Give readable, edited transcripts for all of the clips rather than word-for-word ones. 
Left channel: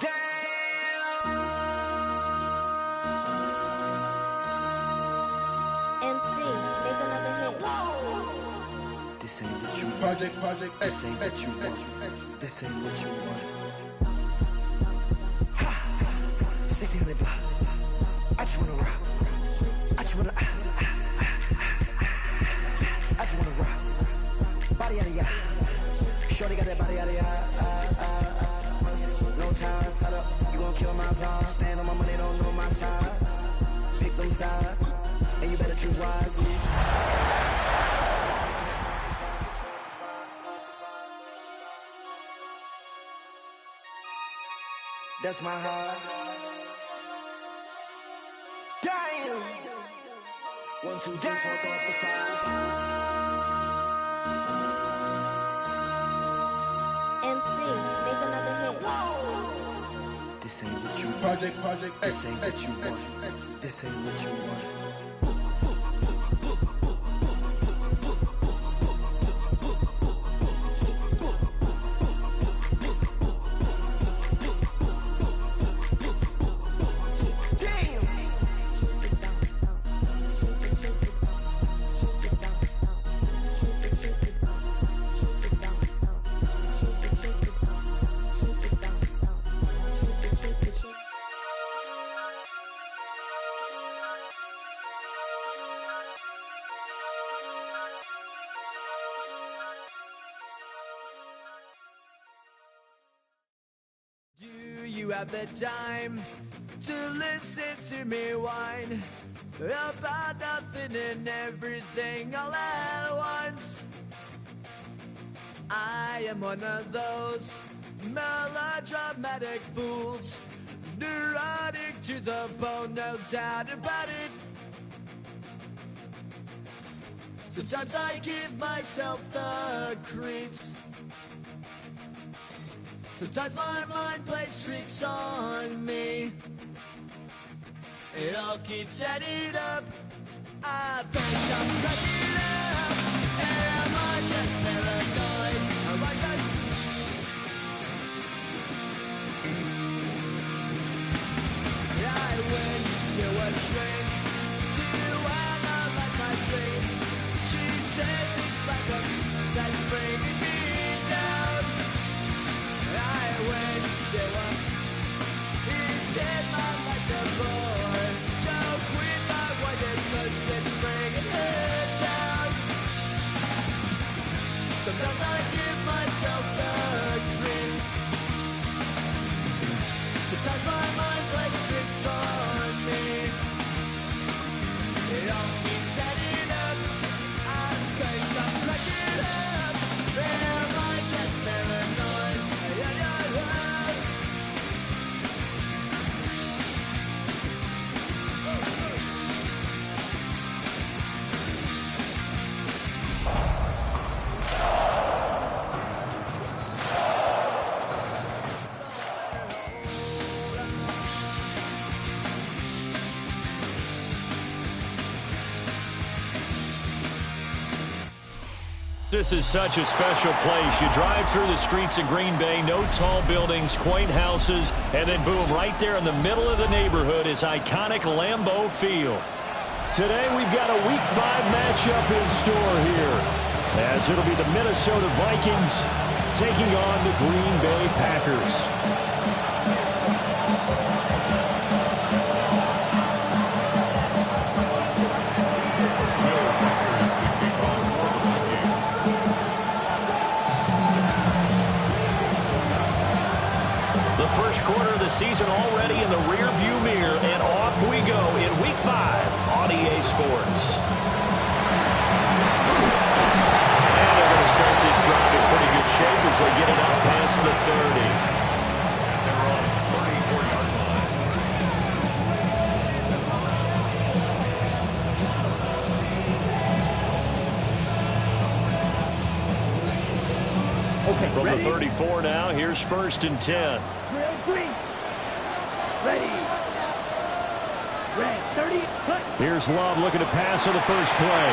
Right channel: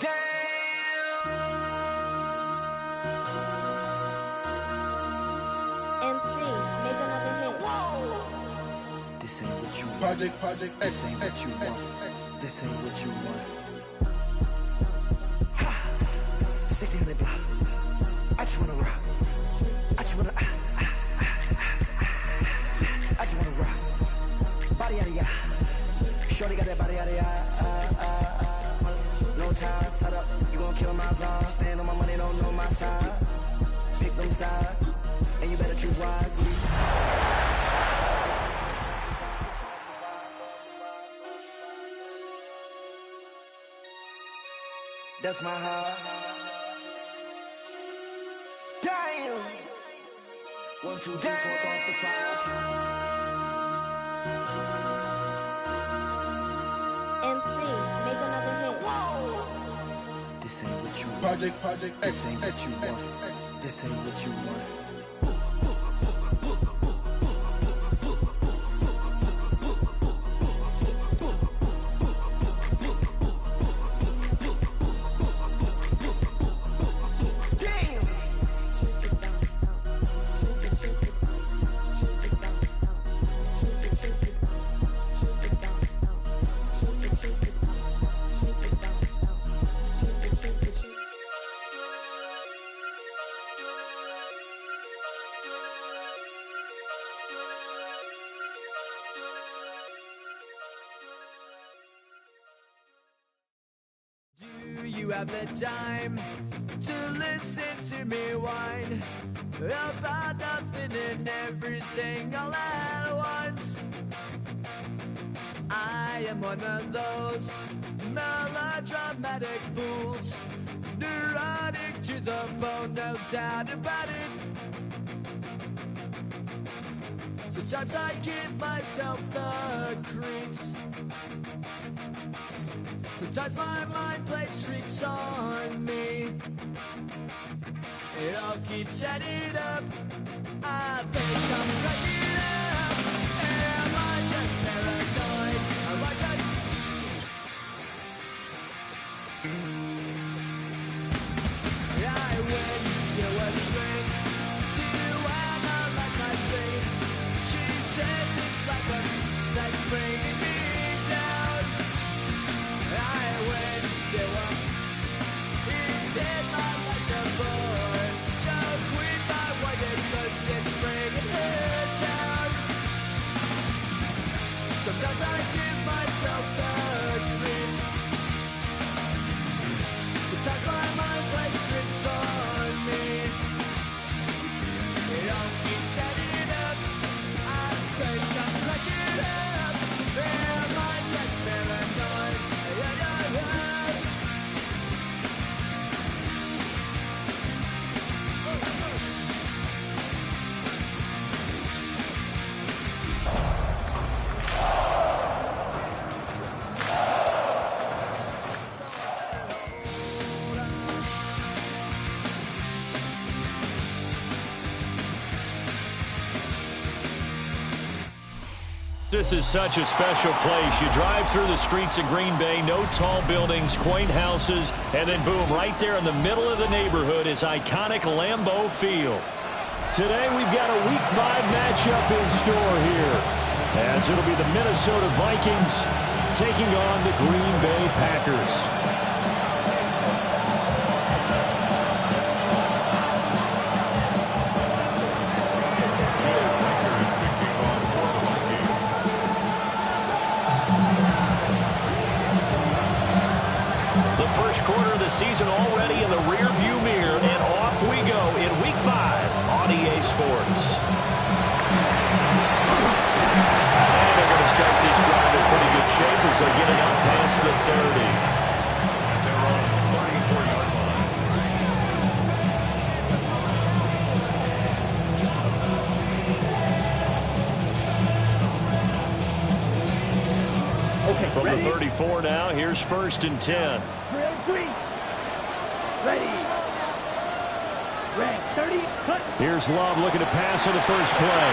Damn. MC, make another hit. This ain't what you want. Project This ain't what you want. This ain't what you want. 1600 block. I just wanna rock. I just wanna I just wanna rock. Body out of ya. Shorty got that body out of ya. No time, set up. You gon' kill my vibe. Stand on my money, don't know my size. Pick them sides, and you better choose wisely. That's my heart. Damn. 1, 2, 3, 4, throw up the 5. MC, make another hit. This ain't what you want. Project This ain't what you want. This ain't what you want. Do you have the time to listen to me whine about nothing and everything all at once? I am one of those melodramatic fools, neurotic to the bone, no doubt about it. Sometimes I give myself the creeps. Sometimes my mind plays tricks on me. It all keeps adding up. I think I'm cracking up. Am I just paranoid? Am I just... I went to a shrink to analyze my dreams. She says it's like a that's bringing me down. I went to him. He said my life's a bore. So quit my white cause it's bringing her down. Sometimes I give myself the creeps. Sometimes my mind plays tricks on me. It all keeps adding up. I think I'm cracking up. Am I just paranoid? This is such a special place. You drive through the streets of Green Bay, no tall buildings, quaint houses, and then boom, right there in the middle of the neighborhood is iconic Lambeau Field. Today we've got a Week 5 matchup in store here, as it'll be the Minnesota Vikings taking on the Green Bay Packers. First quarter of the season already in the rear-view mirror, and off we go in Week 5 on EA Sports. And they're going to start this drive in pretty good shape as they get it out past the 30. And they're on the 34-yard line. Okay, from ready? The 34 now, here's 1st and 10. Ready. Red 30. Cut. Here's Love looking to pass on the first play.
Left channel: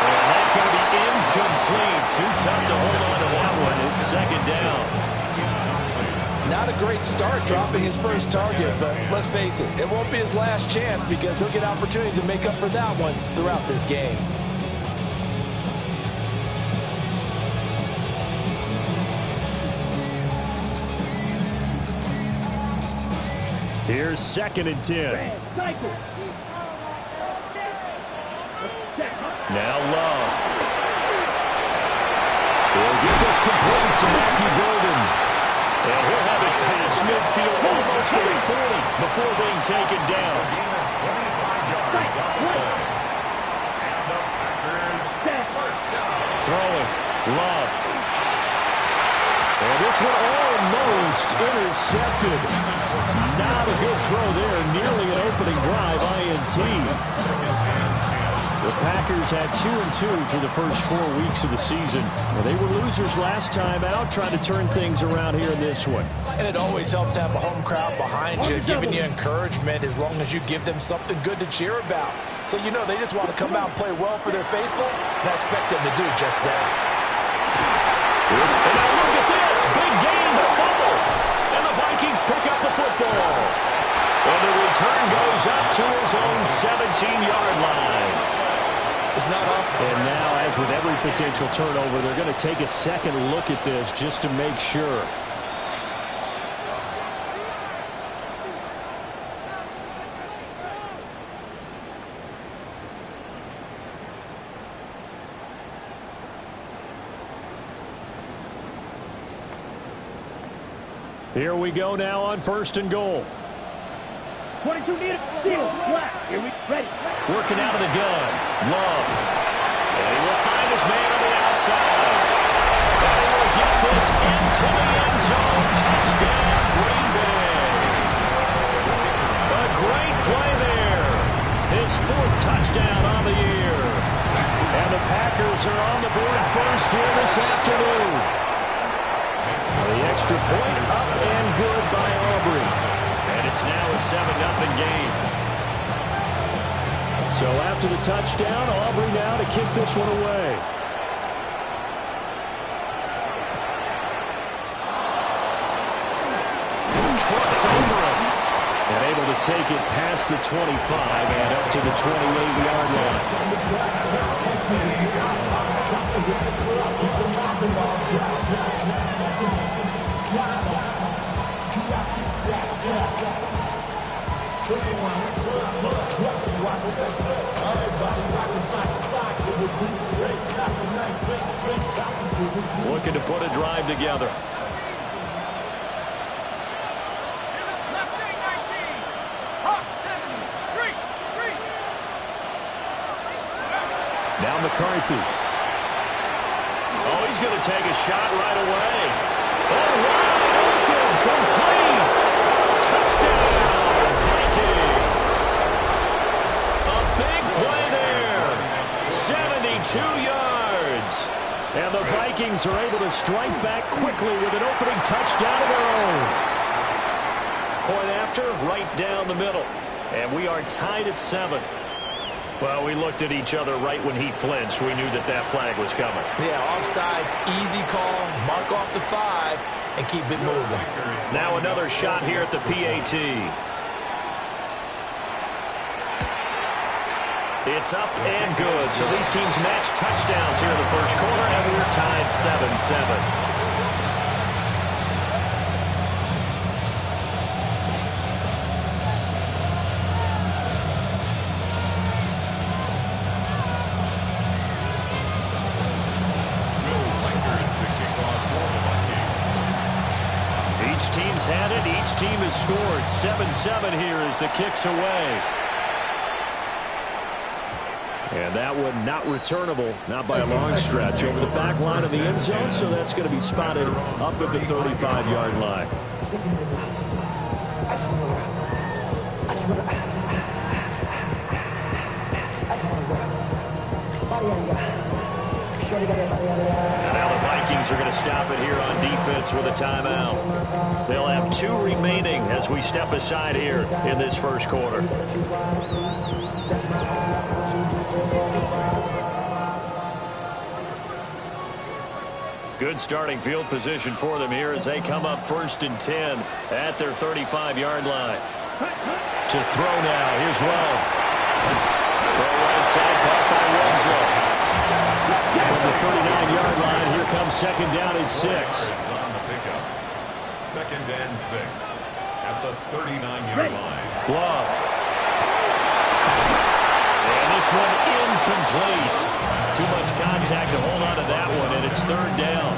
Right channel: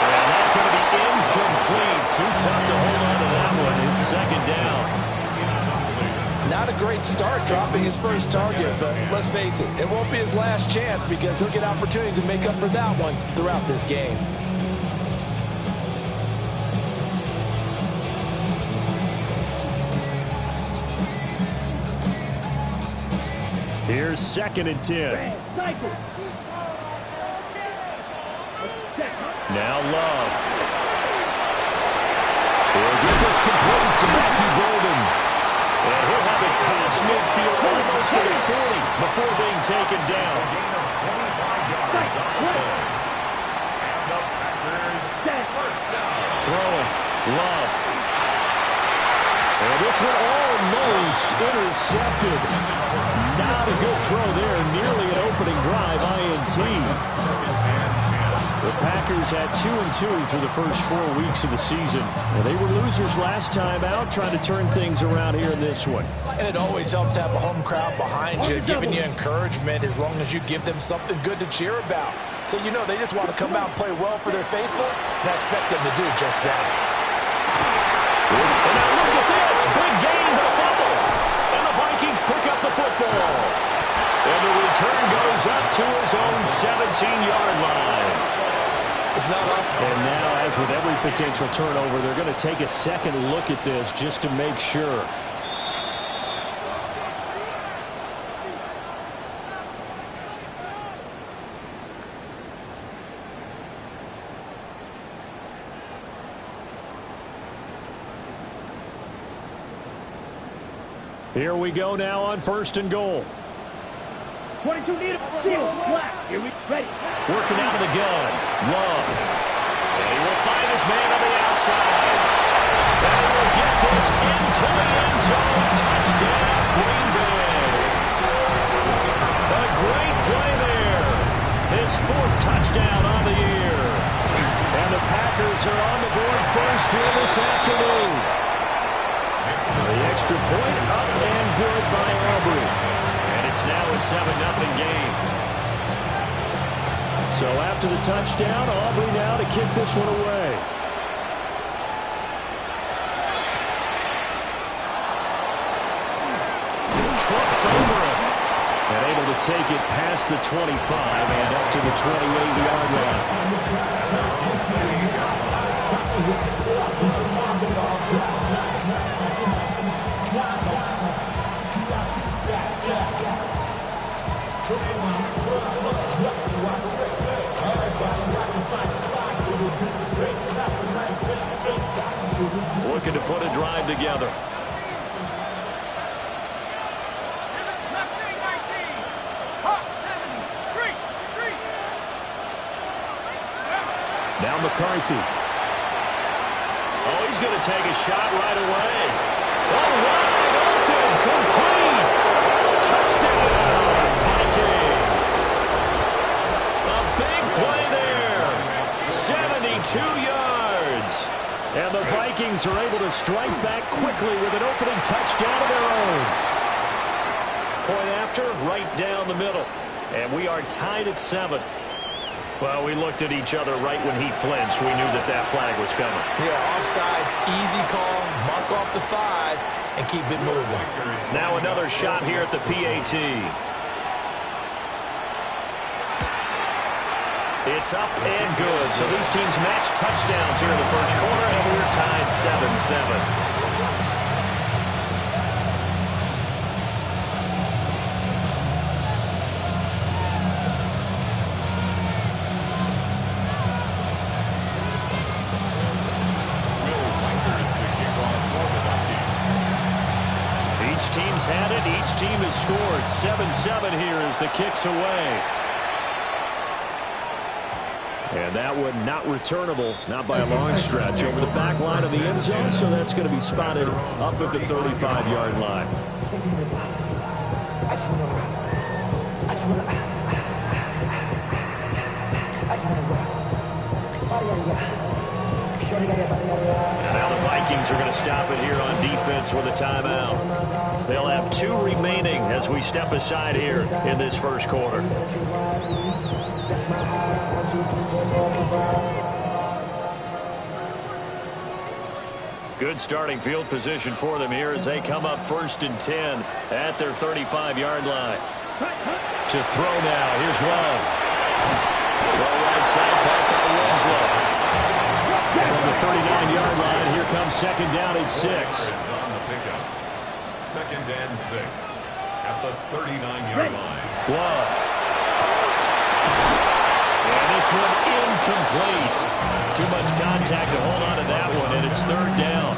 And that's going to be incomplete. Too tough to hold on to that one. It's second down. Not a great start dropping his first target, but let's face it, it won't be his last chance because he'll get opportunities to make up for that one throughout this game. Here's second and 10. Now Love. He'll get this complete to Matthew Golden. And he'll have it past midfield almost to the 40 before being taken down. A gain of 25 yards on the play. And the Packers first down. Throwing. Love. And this one almost intercepted. Not a good throw there. Nearly an opening drive INT. The Packers had 2-2 through the first 4 weeks of the season. Now, they were losers last time out, trying to turn things around here in this one. And it always helps to have a home crowd behind you, giving you encouragement as long as you give them something good to cheer about. So you know they just want to come out and play well for their faithful, and I expect them to do just that. And now look at this. Big gain, the fumble. And the Vikings pick up the football. And the return goes up to his own 17-yard line. It's not up. And now, as with every potential turnover, they're going to take a second look at this just to make sure. Here we go now on first and goal. 22 needed. Seal. Black. Here we ready. Working out of the gun. Love. And he will find his man on the outside. And he will get this into the end zone. Touchdown, Green Bay. A great play there. His 4th touchdown on the year. And the Packers are on the board first here this afternoon. The extra point up and good by Aubrey. And it's now a 7-0 game. So after the touchdown, Aubrey now to kick this one away. Trucks over him. And able to take it past the 25 and up to the 28-yard line. Looking to put a drive together. Now McCarthy. Oh, he's going to take a shot right away. Oh, wide open, complete. Touchdown, Vikings. A big play there. 72 yards. And the Vikings are able to strike back quickly with an opening touchdown of their own. Point after, right down the middle. And we are tied at 7. Well, we looked at each other right when he flinched. We knew that that flag was coming. Yeah, offsides, easy call, mark off the 5, and keep it moving. Now another shot here at the PAT. It's up and good. So these teams match touchdowns here in the first quarter, and we're tied 7-7. Each team's had it. Each team has scored. 7-7 here as the kick's away. And that one not returnable, not by a long stretch, over the back line of the end zone, so that's going to be spotted up at the 35-yard line. And now the Vikings are going to stop it here on defense with a timeout. They'll have 2 remaining as we step aside here in this first quarter. Good starting field position for them here as they come up 1st and 10 at their 35-yard line. To throw now. Here's Love. Throw right side, caught by Winslow. From the 39-yard line, here comes 2nd down and 6. On the pickup. 2nd and 6 at the 39-yard line. Love. And this one incomplete. Too much contact to hold on to that one, and it's 3rd down.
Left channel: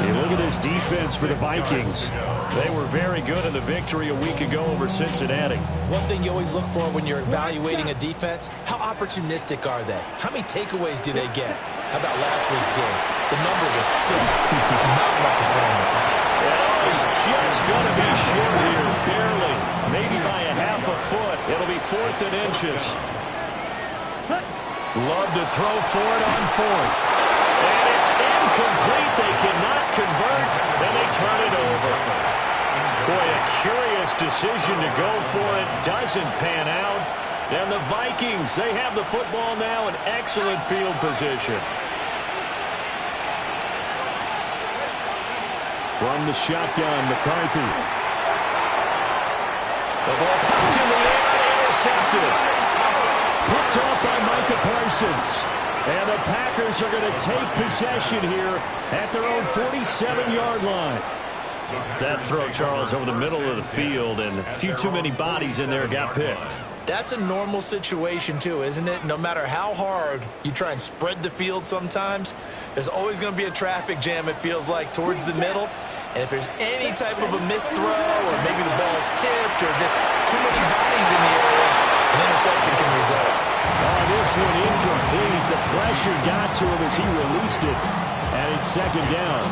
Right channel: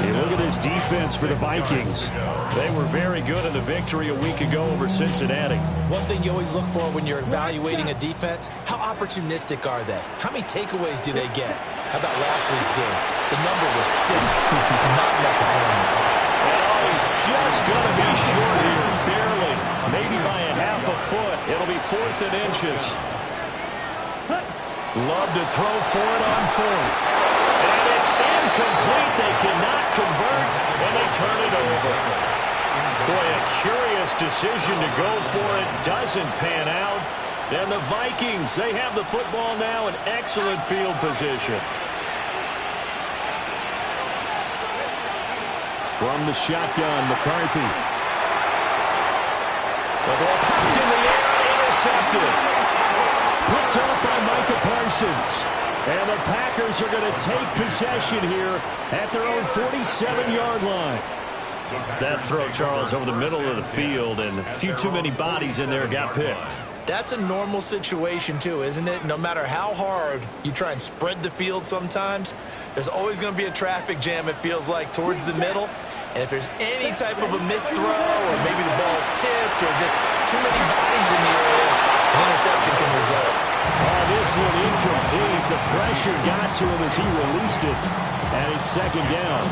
Hey, look at this defense for the Vikings. They were very good in the victory a week ago over Cincinnati. One thing you always look for when you're evaluating a defense, how opportunistic are they? How many takeaways do they get? How about last week's game? The number was 6. Phenomenal performance. And he's just going to be short here, barely. Maybe by a half a foot. It'll be 4th and inches. Love to throw for it on 4th. And it's incomplete. They cannot convert, and they turn it over. Boy, a curious decision to go for it. Doesn't pan out. And the Vikings, they have the football now in excellent field position. From the shotgun, McCarthy. The ball popped in the air and intercepted. Picked off by Micah Parsons. And the Packers are going to take possession here at their own 47-yard line. That throw, Charles, over the middle of the field, and a few too many bodies in there got picked. That's a normal situation, too, isn't it? No matter how hard you try and spread the field sometimes, there's always going to be a traffic jam, it feels like, towards the middle. And if there's any type of a missed throw, or maybe the ball's tipped, or just too many bodies in the area, an interception can result. Oh, this one incomplete. The pressure got to him as he released it. And it's 2nd down.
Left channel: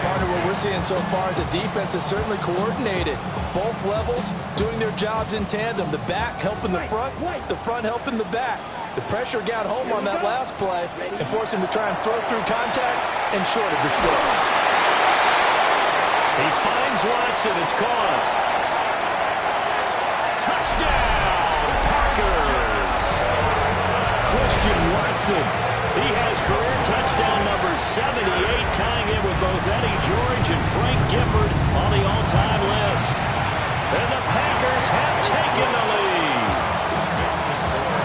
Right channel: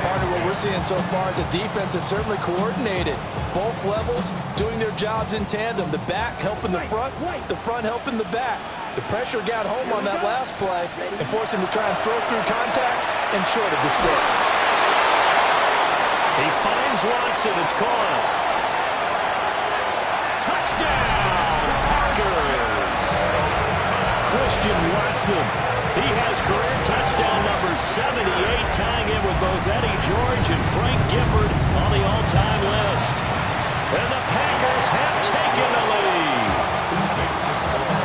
Partner, what we're seeing so far is a defense that's certainly coordinated. Both levels doing their jobs in tandem. The back helping the front helping the back. The pressure got home on that last play and forced him to try and throw through contact and short of the sticks. He finds Watson. It's caught. Touchdown, Packers. Christian Watson. He has career touchdown number 78, tying in with both Eddie George and Frank Gifford on the all-time list. And the Packers have taken the lead.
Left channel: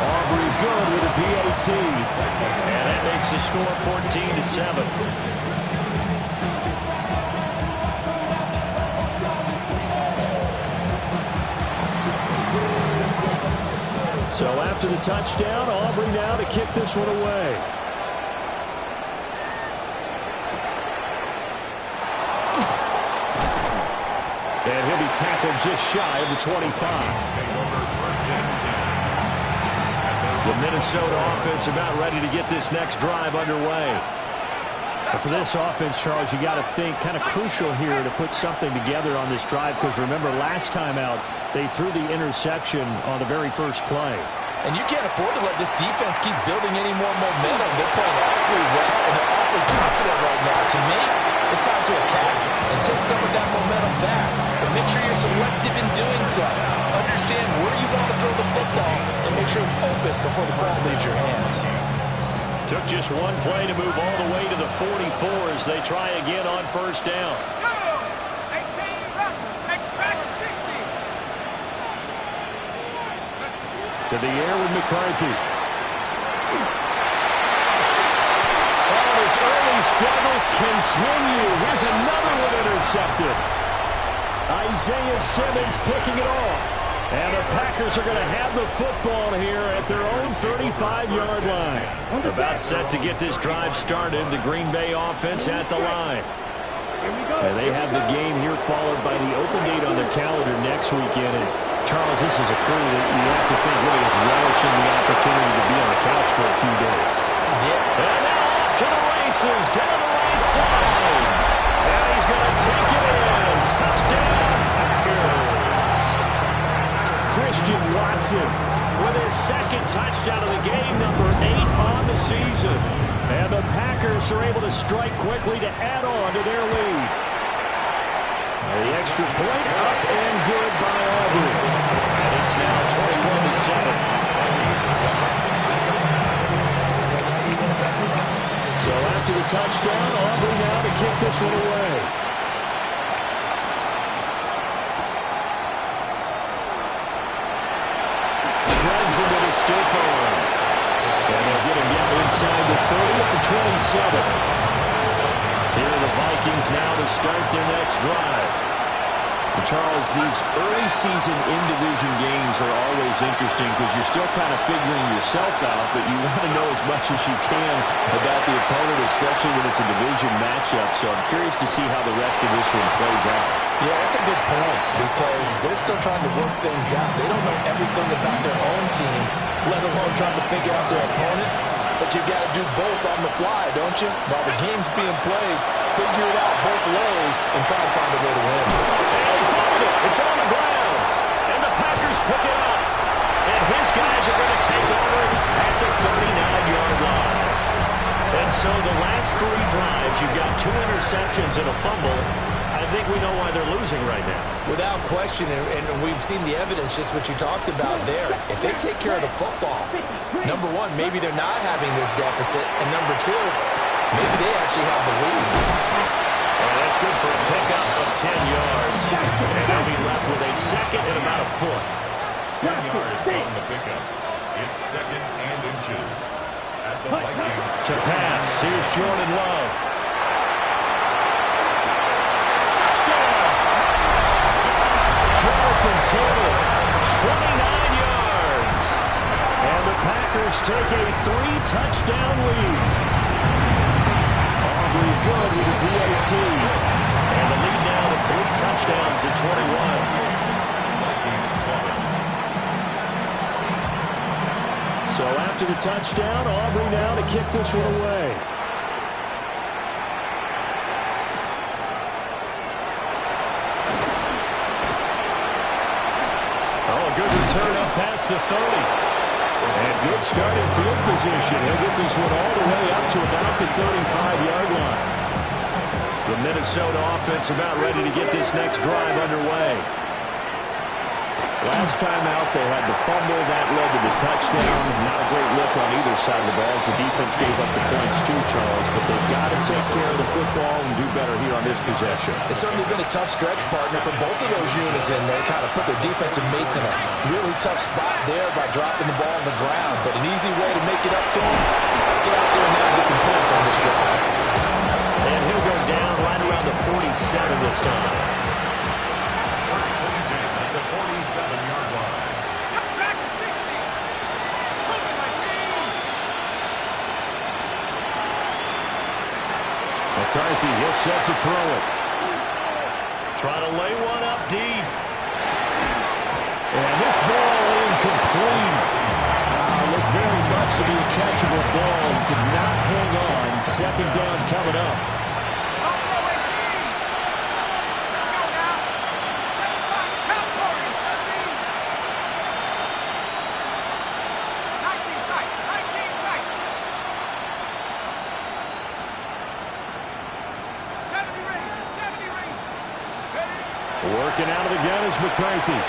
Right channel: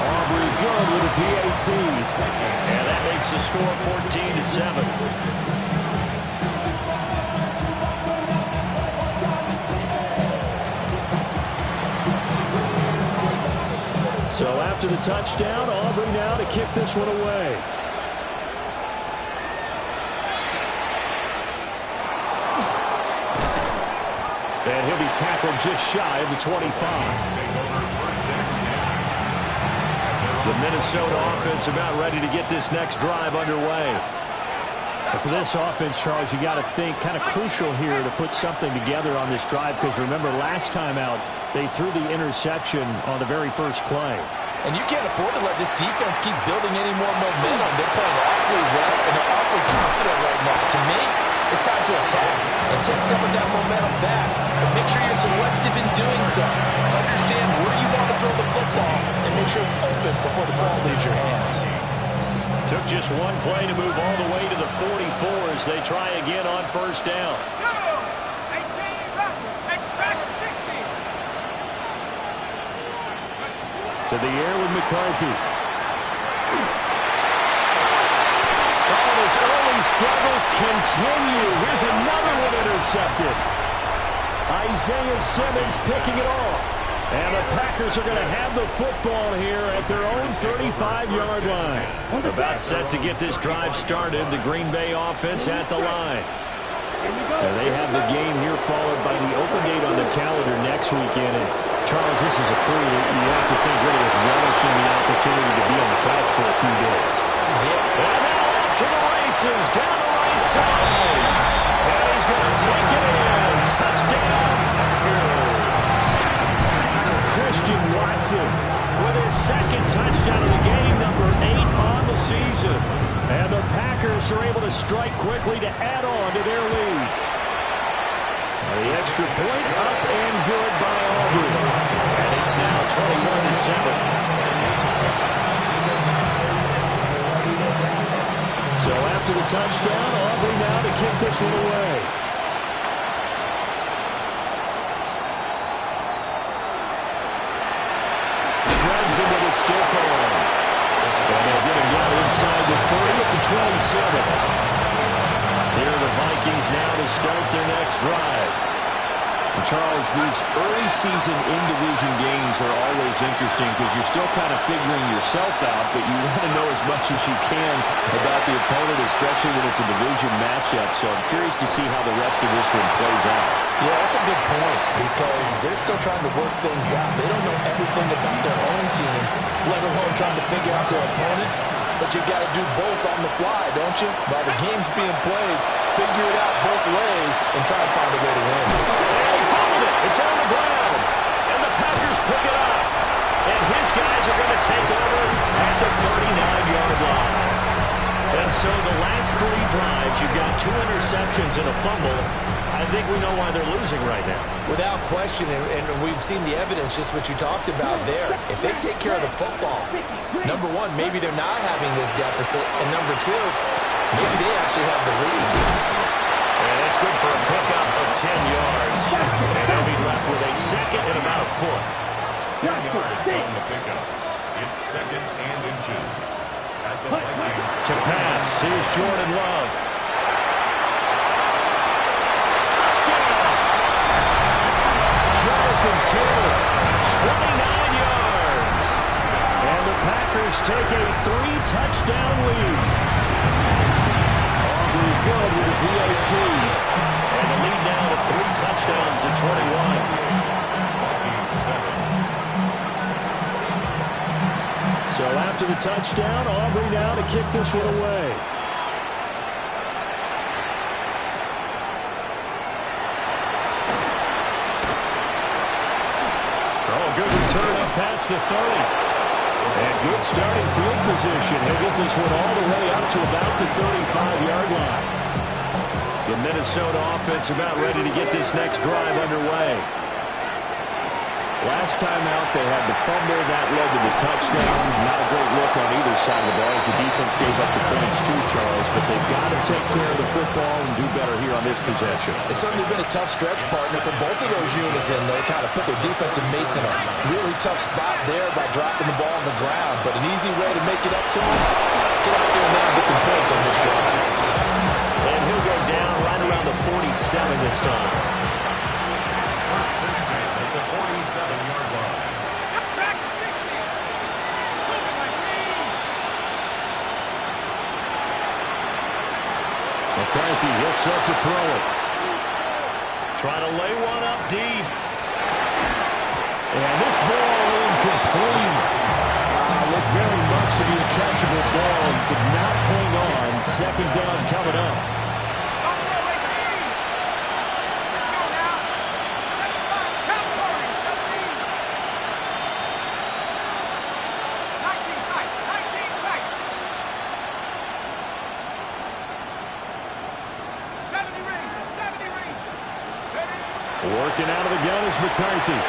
Aubrey good with a PAT. And that makes the score 14-7. So after the touchdown, Aubrey now to kick this one away. And he'll be tackled just shy of the 25. The Minnesota offense about ready to get this next drive underway. But for this offense, Charles, you got to think kind of crucial here to put something together on this drive, because remember last time out they threw the interception on the very first play. And you can't afford to let this defense keep building any more momentum. They're playing awfully well, and they're awfully confident right now. To me, it's time to attack and take some of that momentum back. But make sure you're selective in doing so. Understand where you want to throw the football and make sure it's open before the ball leaves your hands. Took just one play to move all the way to the 44 as they try again on 1st down. To the air with McCarthy. Oh, his early struggles continue. Here's another one intercepted. Isaiah Simmons picking it off. And the Packers are going to have the football here at their own 35-yard line. About set to get this drive started. The Green Bay offense at the line. And they have the game here followed by the open date on the calendar next weekend. And Charles, this is a crew that you have to think really is relishing the opportunity to be on the couch for a few days. Yeah. And now off to the races down the right side. And he's going to take it in. Touchdown, Packers. Christian Watson with his 2nd touchdown of the game, number 8 on the season. And the Packers are able to strike quickly to add on to their lead. The extra point up and good by Aubrey. And it's now 21-7. So after the touchdown, Aubrey now to kick this one away. Shreds into the stiff arm. And they'll get him down inside the 30 at the 27. Here are the Vikings now to start their next drive. And Charles, these early season in-division games are always interesting because you're still kind of figuring yourself out, but you want to know as much as you can about the opponent, especially when it's a division matchup. So I'm curious to see how the rest of this one plays out. Yeah, that's a good point because they're still trying to work things out. They don't know everything about their own team, let alone trying to figure out their opponent. But you got to do both on the fly, don't you? While the game's being played, figure it out both ways and try to find a way to win. And he fumbled it. It's on the ground. And the Packers pick it up. And his guys are going to take over at the 39-yard line. And so the last three drives, you've got 2 interceptions and a fumble. I think we know why they're losing right now. Without question, and we've seen the evidence, just what you talked about there. If they take care of the football, number one, maybe they're not having this deficit. And number two, maybe they actually have the lead. And that's good for a pickup of 10 yards. And they'll be left with a second and about a foot. 10 yards on the pickup. It's second and inches. At the Vikings. To pass, here's Jordan Love. Touchdown! Jonathan Taylor, 29 yards. And the Packers take a 3-touchdown lead. Aubrey good with the PAT. And the lead now to 3 touchdowns at 21. Vikings 7. So after the touchdown, Aubrey now to kick this one away. Oh, a good return up past the 30. And good starting field position. He'll get this one all the way up to about the 35-yard line. The Minnesota offense about ready to get this next drive underway. Last time out, they had the fumble. That led to the touchdown. Not a great look on either side of the ball as the defense gave up the points too, Charles. But they've got to take care of the football and do better here on this possession. It's certainly been a tough stretch, partner, for both of those units in there. Kind of put their defensive mates in a really tough spot there by dropping the ball on the ground. But an easy way to make it up to them, get out there now and get some points on this drive. And he'll go down right around the 47 this time. First and 10 at the 47-yard line. Back to 60. Moving my team. McCarthy, he'll set to throw it. Trying to lay one up deep. And this ball incomplete. Looked very much to be a catchable ball and could not hang on. Second down coming up. Working out of the gun is McCarthy.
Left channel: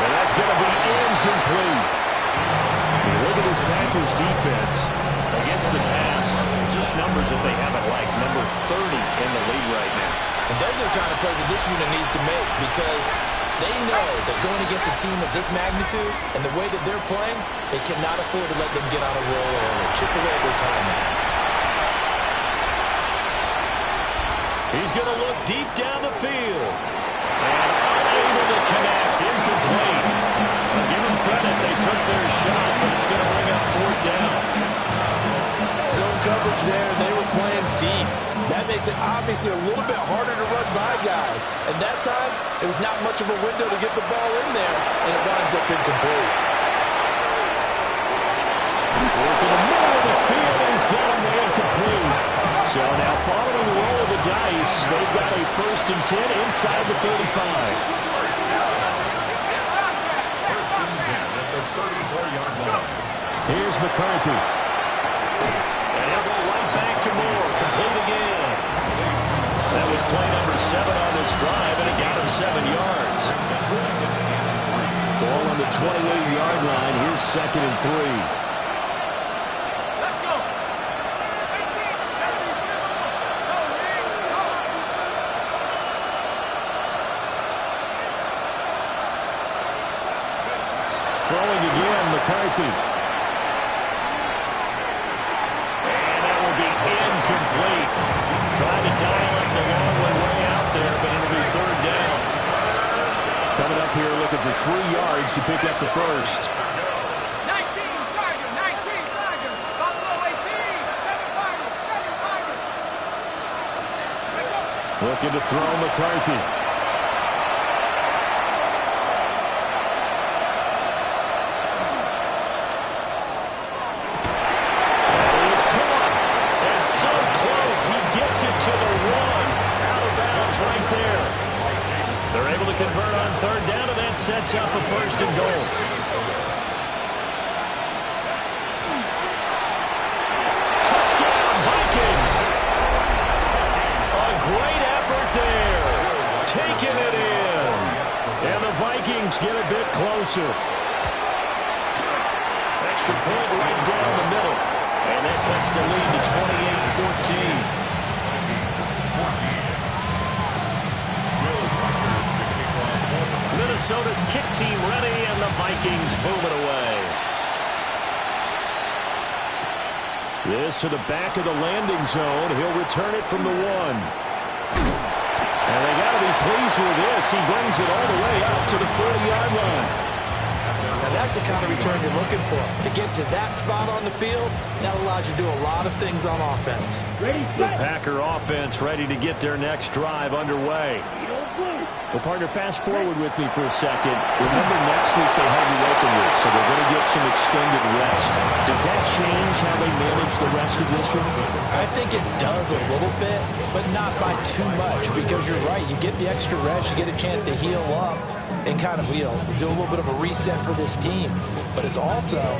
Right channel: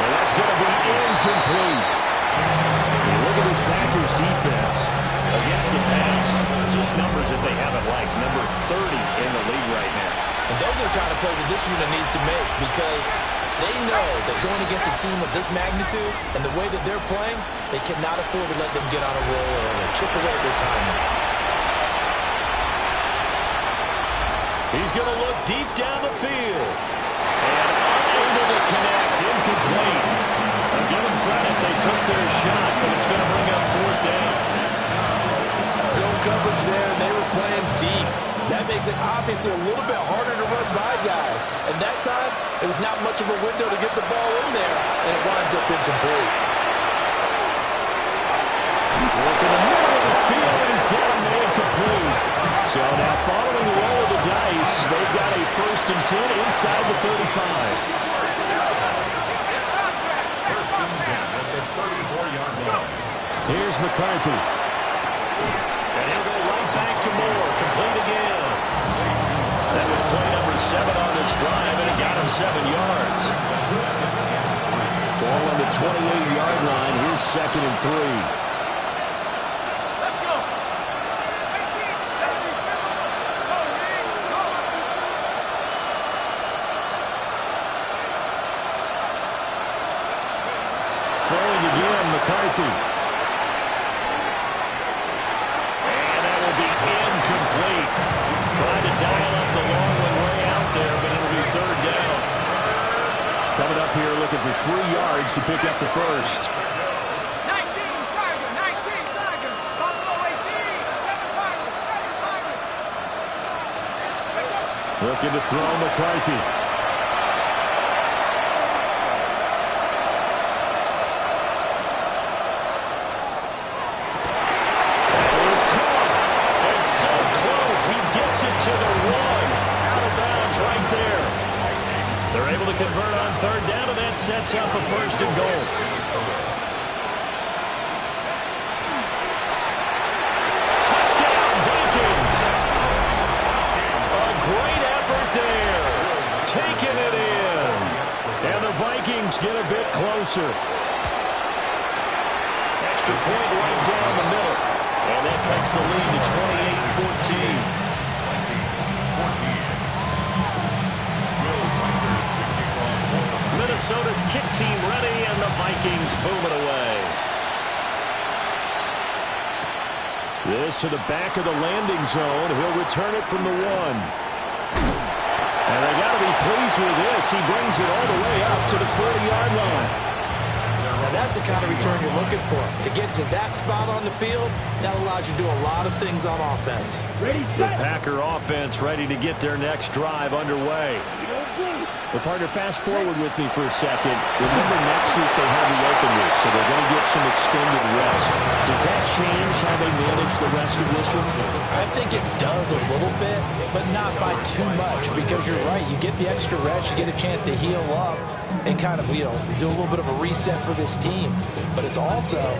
And that's going to be incomplete. You look at this Packers defense against the pass. Just numbers that they haven't liked. Number 30 in the league right now. And those are the kind of plays that this unit needs to make because they know that going against a team of this magnitude and the way that they're playing, they cannot afford to let them get on a roll early. Chip away at their timing. He's going to look deep down the field. And unable to connect. Incomplete. I'll give them credit. They took their shot, but it's going to bring up 4th down. Zone coverage there, and they were playing deep. That makes it obviously a little bit harder to run by guys. And that time, it was not much of a window to get the ball in there, and it winds up incomplete. Work in the middle of the field, and he's got a man complete. So now following the roll of the dice, they've got a 1st and 10 inside the 35. First and 10 at the 34-yard line. Here's McCarthy. And he'll go right back to Moore. Complete again. That was play number 7 on this drive, and it got him 7 yards. Ball on the 28-yard line. Here's 2nd and 3. Let's go. 18, 72. Go, Lee. Go. Throwing again, McCarthy. And that will be incomplete. Tried to dial up the long one way out there, but it'll be 3rd down. Coming up here looking for 3 yards to pick up the first. 19, Tiger. 19, Tiger. Buffalo 18. 7 Pirates. 7 Pirates. Let's go. Looking to throw McCarthy. He gets it to the 1. Out of bounds right there. They're able to convert on 3rd down, and that sets up a 1st and goal. Touchdown, Vikings. A great effort there. Taking it in. And the Vikings get a bit closer. Extra point right down the middle. And that cuts the lead to 28-14. Minnesota's kick team ready, and the Vikings boom it away. This to the back of the landing zone. He'll return it from the 1. And they got to be pleased with this. He brings it all the way up to the 40-yard line. Now that's the kind of return you're looking for. To get to that spot on the field, that allows you to do a lot of things on offense. The Packer offense ready to get their next drive underway. Well, partner, fast forward with me for a second. Remember, next week they have the open week, so they're going to get some extended rest. Does that change how they manage the rest of this one? I think it does a little bit, but not by too much, because you're right. You get the extra rest, you get a chance to heal up and kind of, do a little bit of a reset for this team. But it's also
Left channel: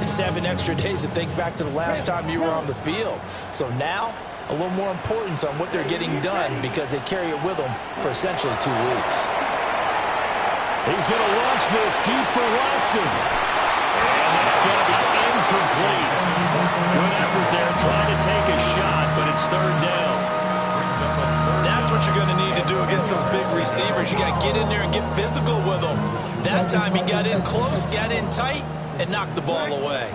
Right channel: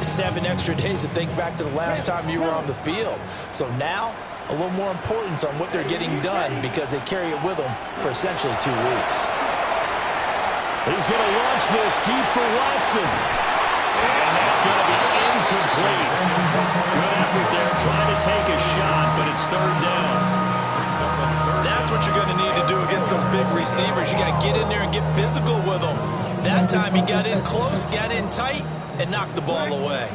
7 extra days to think back to the last time you were on the field. So now, a little more importance on what they're getting done because they carry it with them for essentially 2 weeks. He's going to launch this deep for Watson. And that's going to be incomplete. Good effort there trying to take a shot, but it's 3rd down. That's what you're going to need to do against those big receivers. You got to get in there and get physical with them. That time he got in close, got in tight, and knocked the ball away.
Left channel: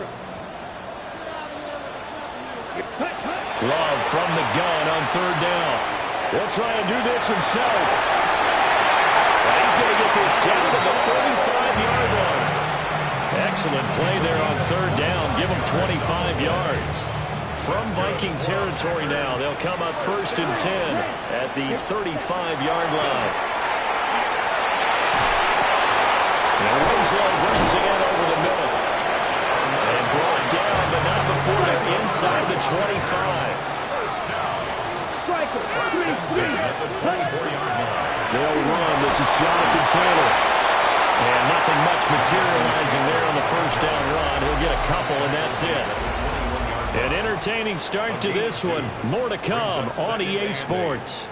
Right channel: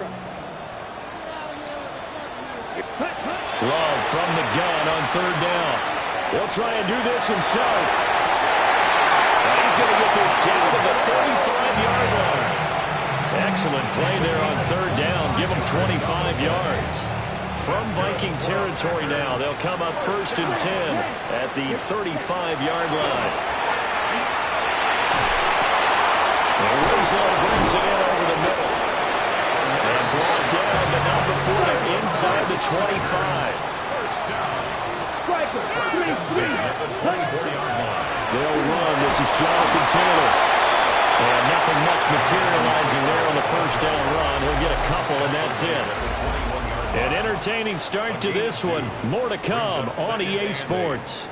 Love from the gun on 3rd down. He'll try and do this himself. And he's going to get this down to the 35-yard line. Excellent play there on 3rd down. Give him 25 yards. From Viking territory now, they'll come up 1st and 10 at the 35-yard line. And Winslow brings it in over the middle. And brought down, but not before they're inside the 25. They'll run. This is Jonathan Taylor. And nothing much materializing there on the 1st down run. He'll get a couple, and that's it. An entertaining start to this one. More to come on EA Sports.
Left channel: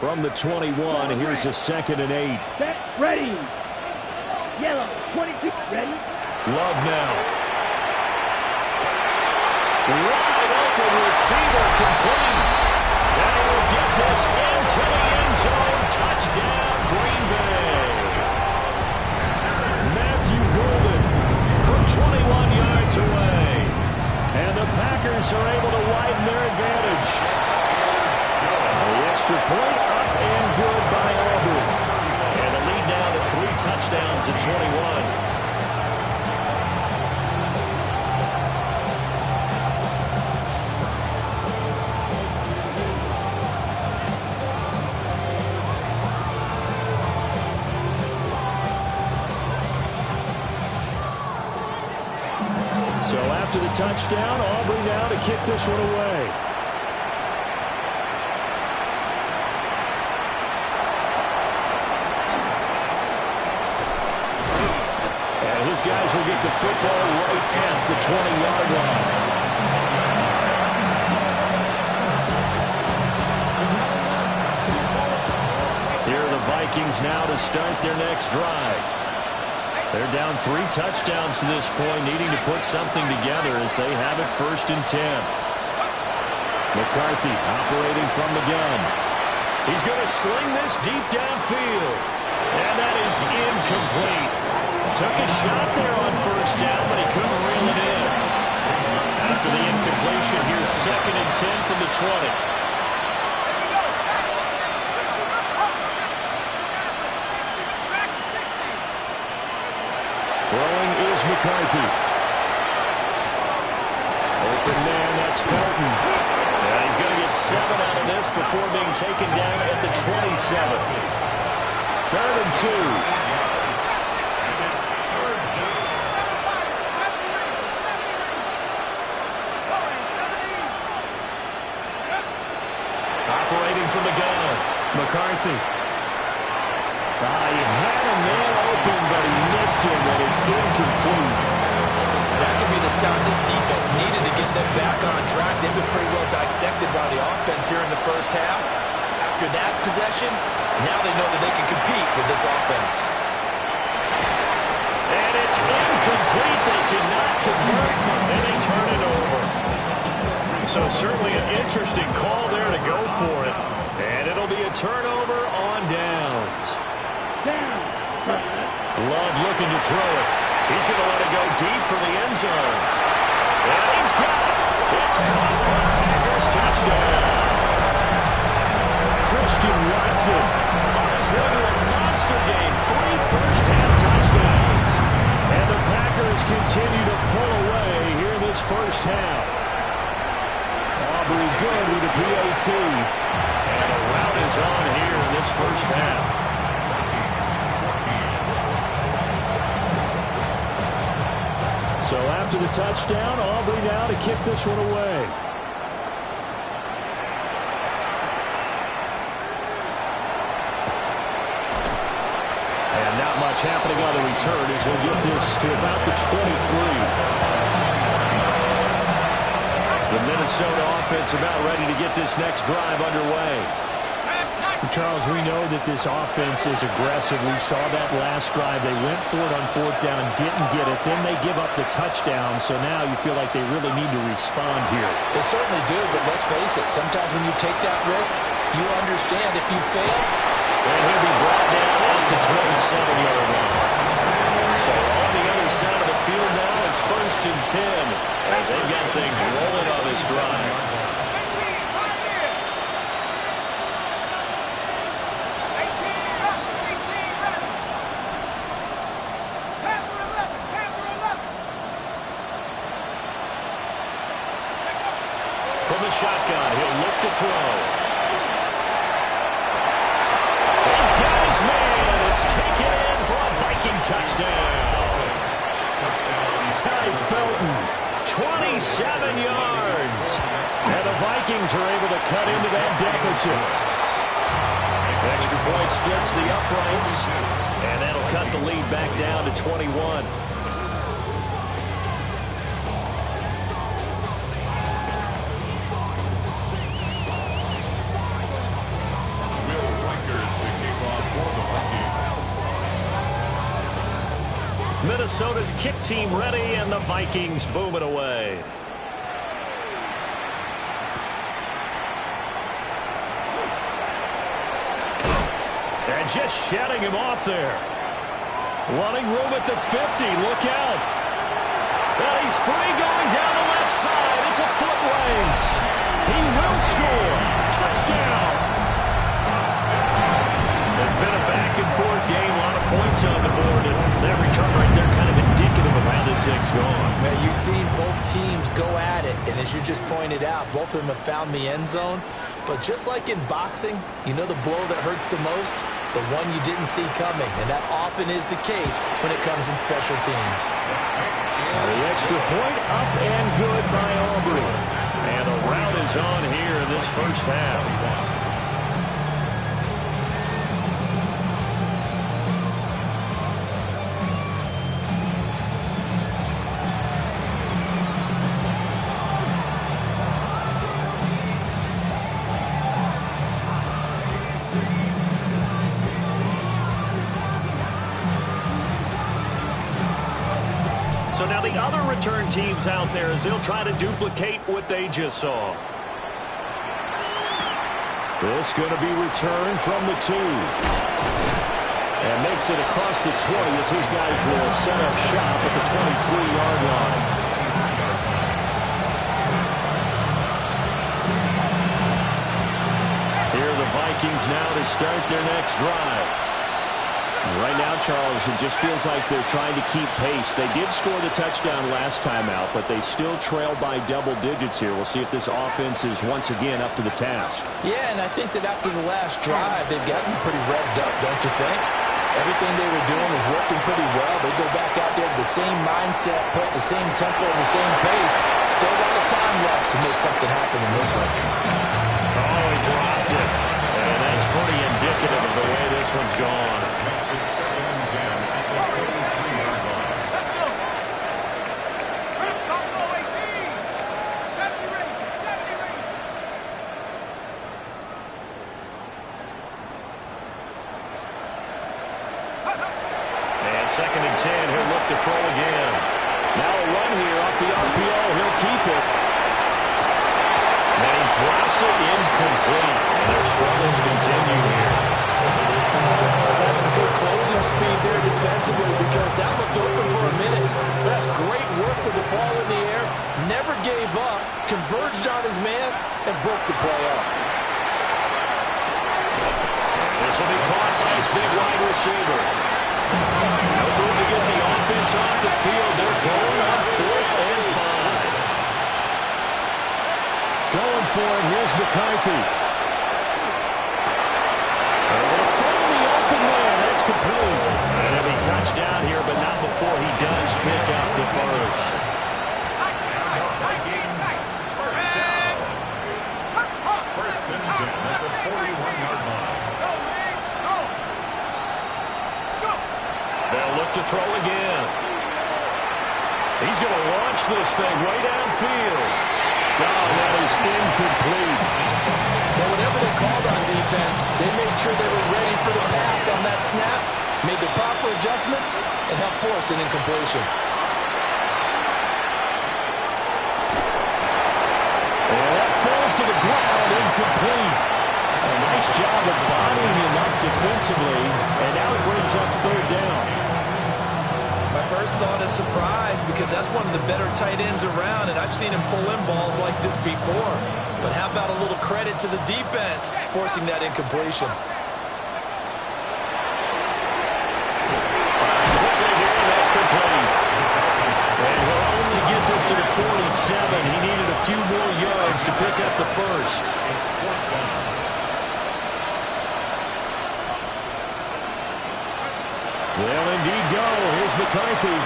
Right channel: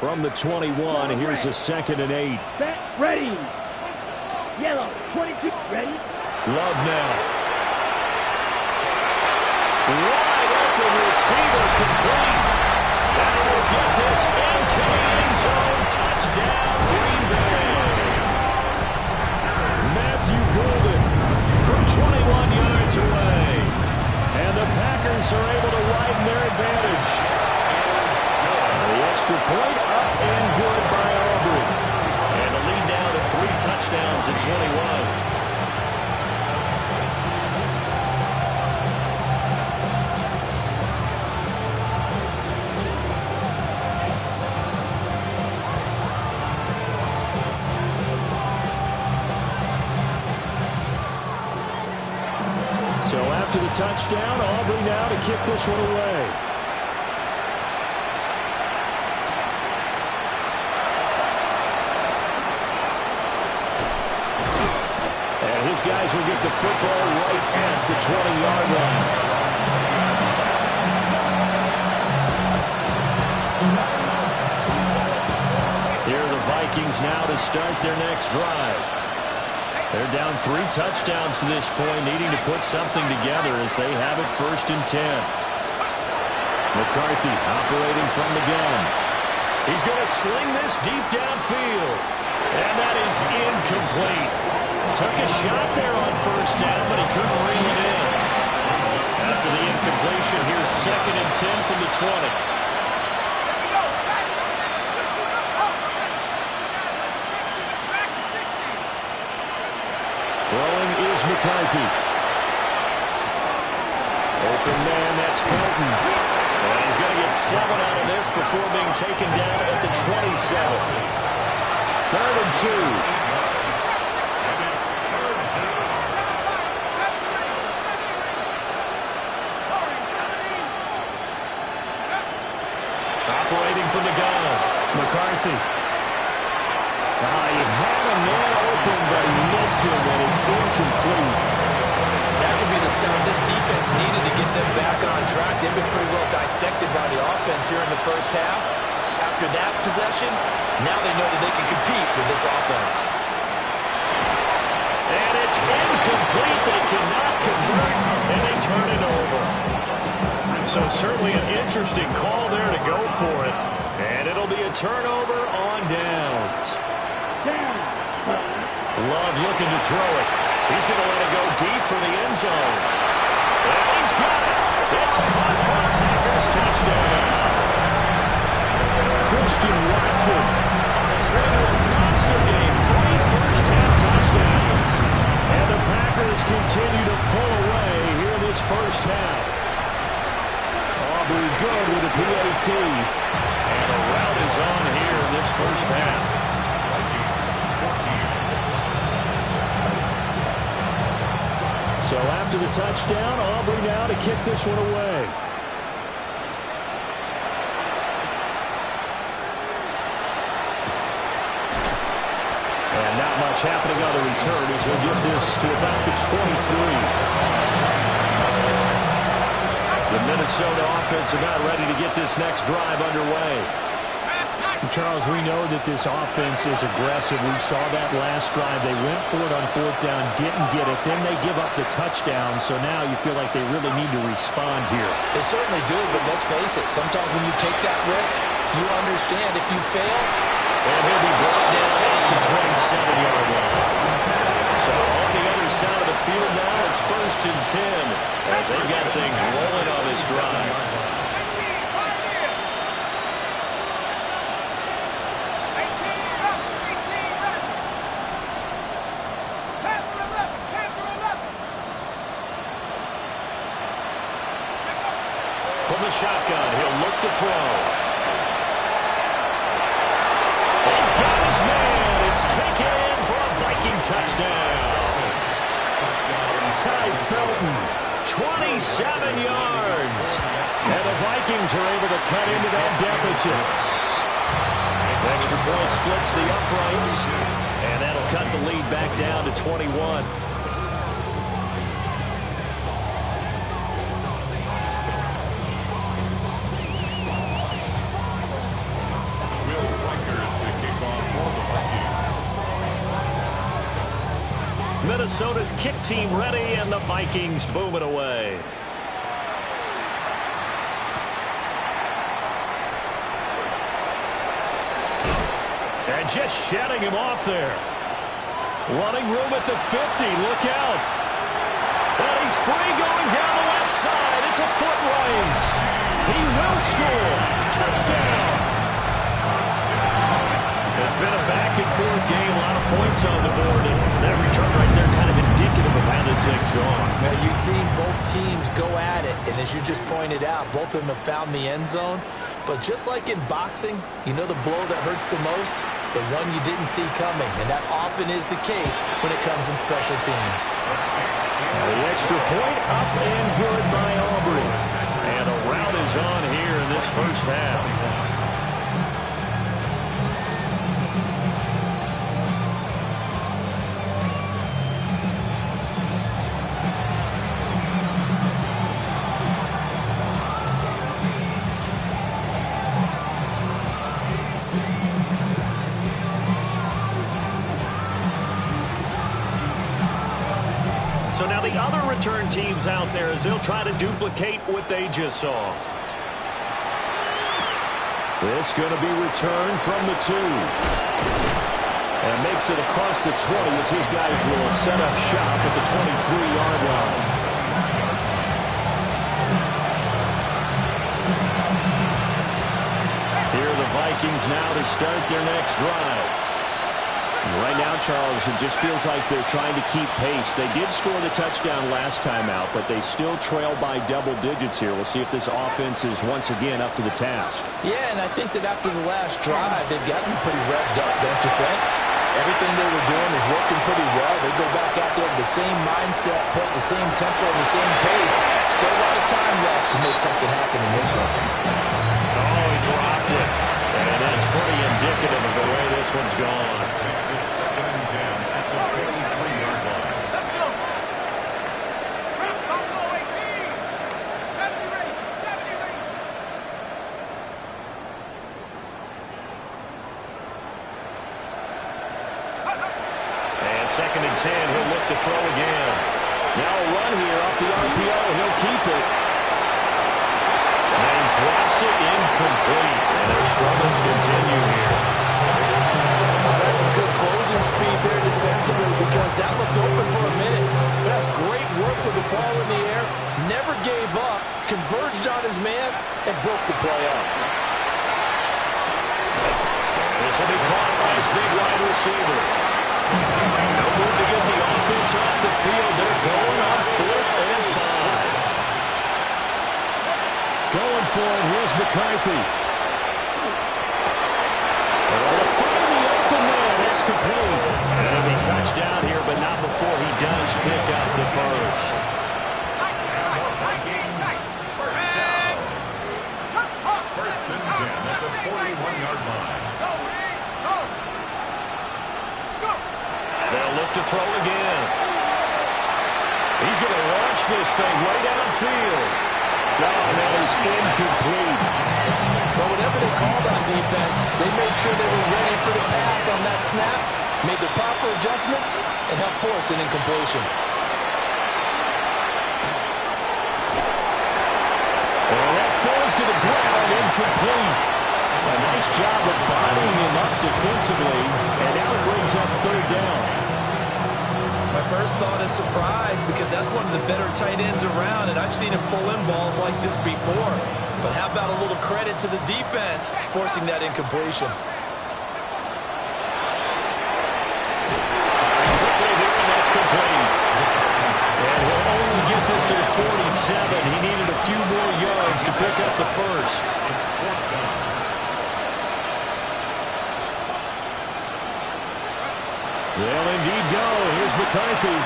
From the 21, here's a 2nd and 8. Set, ready. Yellow, 22, ready. Love now. Wide open receiver complete. And he will get this into the end zone. Touchdown, Green Bay. Matthew Golden from 21 yards away. And the Packers are able to widen their advantage. The extra point up and good by Aubrey. And the lead now to 3 touchdowns at 21. So after the touchdown, Aubrey now to kick this one away. And his guys will get the football right at the 20-yard line. Here are the Vikings now to start their next drive. They're down 3 touchdowns to this point, needing to put something together as they have it 1st and 10. McCarthy operating from the gun. He's going to sling this deep downfield. And that is incomplete. Took a shot there on 1st down, but he couldn't reel it in. After the incompletion, here's 2nd and 10 from the 20. Throwing is McCarthy. Open man, that's Felton. And he's going to get 7 out of this before being taken down at the 27. 3rd and 2. Operating from the gun, McCarthy. He had a man open, but he missed him, and it's incomplete. That could be the stop this defense needed to get them back on track. They've been pretty well dissected by the offense here in the first half. After that possession, now they know that they can compete with this offense. And it's incomplete. They cannot convert, and they turn it over. So certainly an interesting call there to go for it. And it'll be a turnover on downs. Love looking to throw it. He's going to let it go deep for the end zone. And he's got it. It's caught for a Packers touchdown. Christian Watson on his way to a monster game. 3 first-half touchdowns. And the Packers continue to pull away here in this first half. Aubrey good with a PAT. And a rout is on here in this first half. So after the touchdown, Aubrey now to kick this one away. And not much happening on the return as he'll get this to about the 23. The Minnesota offense about ready to get this next drive underway. Charles, we know that this offense is aggressive. We saw that last drive. They went for it on 4th down, didn't get it. Then they give up the touchdown. So now you feel like they really need to respond here. They certainly do, but let's face it. Sometimes when you take that risk, you understand if you fail. And he'll be brought down at the 27-yard line. So on the other side of the field now, it's 1st and 10 as they've got things rolling on this drive. From the shotgun, he'll look to throw. He's got his man. It's taken in for a Viking touchdown. Ty Felton, 27 yards. And the Vikings are able to cut into that deficit. Extra point splits the uprights. And that'll cut the lead back down to 21. Minnesota's kick team ready, and the Vikings boom it away. And just shutting him off there. Wanting room at the 50. Look out. And he's free going down the left side. It's a foot race. He will score. Touchdown. It's been a back-and-forth game, a lot of points on the board, and that return right there kind of indicative of how this thing's gone. Yeah, you've seen both teams go at it, and as you just pointed out, both of them have found the end zone. But just like in boxing, you know the blow that hurts the most? The one you didn't see coming, and that often is the case when it comes in special teams. The extra point up and good by Aubrey. And a rout is on here in this first half. So now the other return teams out there as they'll try to duplicate what they just saw. This going to be returned from the 2. And makes it across the 20 as his guys will set up shop at the 23-yard line. Here are the Vikings now to start their next drive. Right now, Charles, it just feels like they're trying to keep pace. They did score the touchdown last time out, but they still trail by double digits here. We'll see if this offense is once again up to the task. Yeah, and I think that after the last drive, they've gotten pretty revved up, don't you think? Everything they were doing was working pretty well. They go back out there with the same mindset, playing the same tempo and the same pace. Still a lot of time left to make something happen in this one. Oh, he dropped it. And that's pretty indicative of the way this one's gone. Makes it 2nd and 10 at the 23-yard line. Let's go. Top goal 18. 70 range. 70 range. And 2nd and 10, he'll look to throw again. Now a run here off the RPO. He'll keep it. And he drops it incomplete. And their struggles continue here. That's some good closing speed there defensively because that looked open for a minute. But that's great work with the ball in the air. Never gave up, converged on his man, and broke the play up. This will be caught by his big wide receiver. No room to get the offense off the field. They're going on 4th and 5. Going for it. Here's McCarthy. Able to find the open man. That's complete. And he'll be touched down here, but not before he does pick up the first. First down. 1st and 10 at the 41-yard line. Go, Lee. Go. Let's go. They'll look to throw again. He's going to launch this thing way downfield. No, that is incomplete. But whatever they called on defense, they made sure they were ready for the pass on that snap, made the proper adjustments, and helped force an incompletion. And that falls to the ground, incomplete. A nice job of bodying him up defensively, and now it brings up 3rd down. My first thought is surprise because that's one of the better tight ends around, and I've seen him pull in balls like this before. But how about a little credit to the defense forcing that incompletion? Firing quickly here, and that's complete. And he'll only get this to the 47. He needed a few more yards to pick up the first. It's 4th down. They'll indeed go. Here's McCarthy.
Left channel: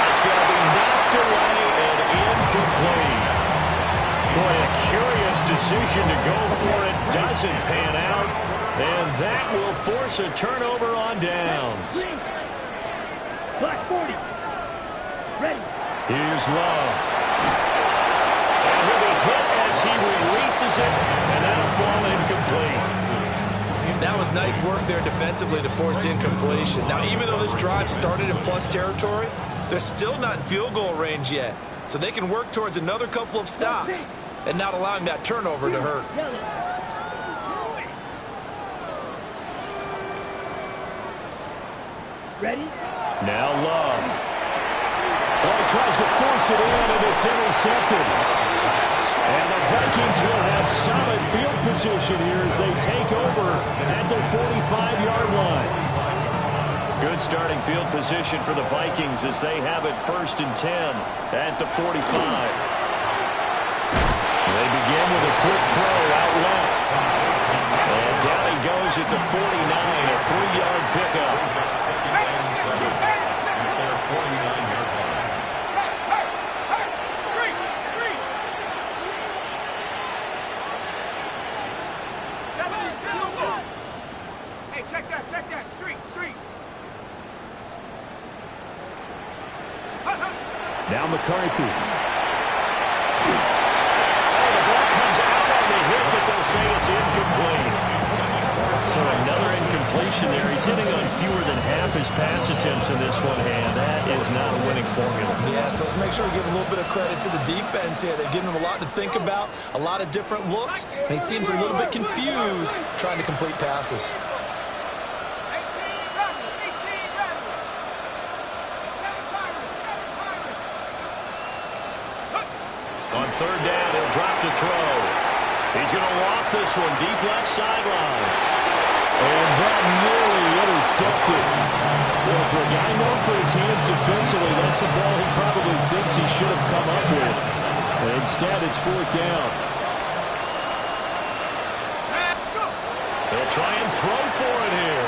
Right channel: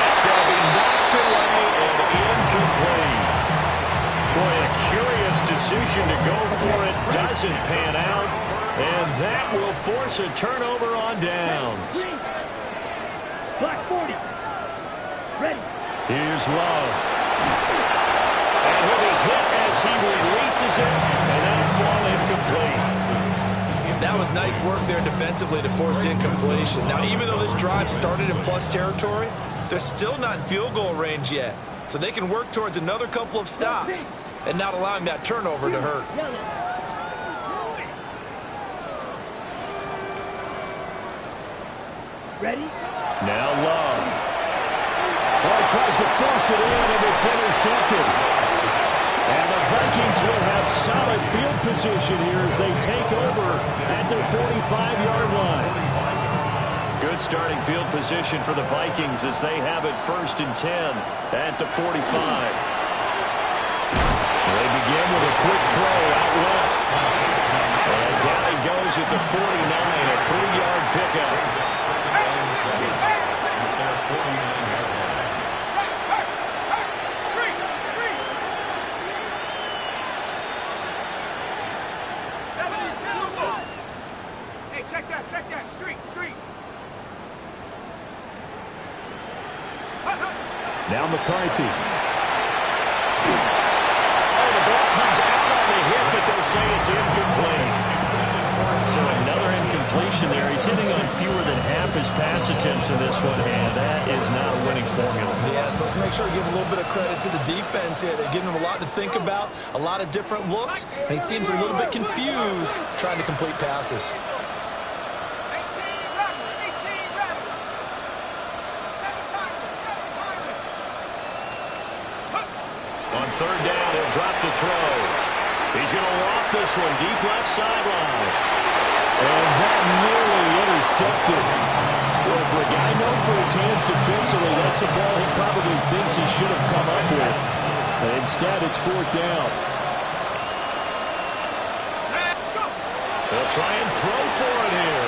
That's going to be knocked away and incomplete. Boy, a curious decision to go for it. Doesn't pan out. And that will force a turnover on downs. Black 40. Ready. Here's Love. And he'll be hit as he releases it. And that'll fall incomplete. That was nice work there defensively to force incompletion. Now, even though this drive started in plus territory, they're still not in field goal range yet. So they can work towards another couple of stops and not allowing that turnover to hurt. Ready? Now Love. Well, he tries to force it in, and it's intercepted. And the Vikings will have solid field position here as they take over at their 45-yard line. Good starting field position for the Vikings as they have it 1st and 10 at the 45. They begin with a quick throw out left. And down he goes at the 49, a 3-yard pickup. At their 49-yard line. Hey, check that, street. Now McCarthy. Oh, the ball comes out on the hit, but they'll say it's incomplete. So another incompletion there. He's hitting on fewer than half his pass attempts in this one, and that is not a winning formula. Yeah, so let's make sure we give a little bit of credit to the defense here. They're giving him a lot to think about, a lot of different looks, and he seems a little bit confused trying to complete passes. 18 Rattler, 18 Rattler. 7 Pirates, 7 Pirates. On third down, he'll drop to throw. He's going to loft this one deep left sideline. And that nearly intercepted. Well, for a guy known for his hands defensively, that's a ball he probably thinks he should have come up with. But instead, it's fourth down. They'll try and throw for it here.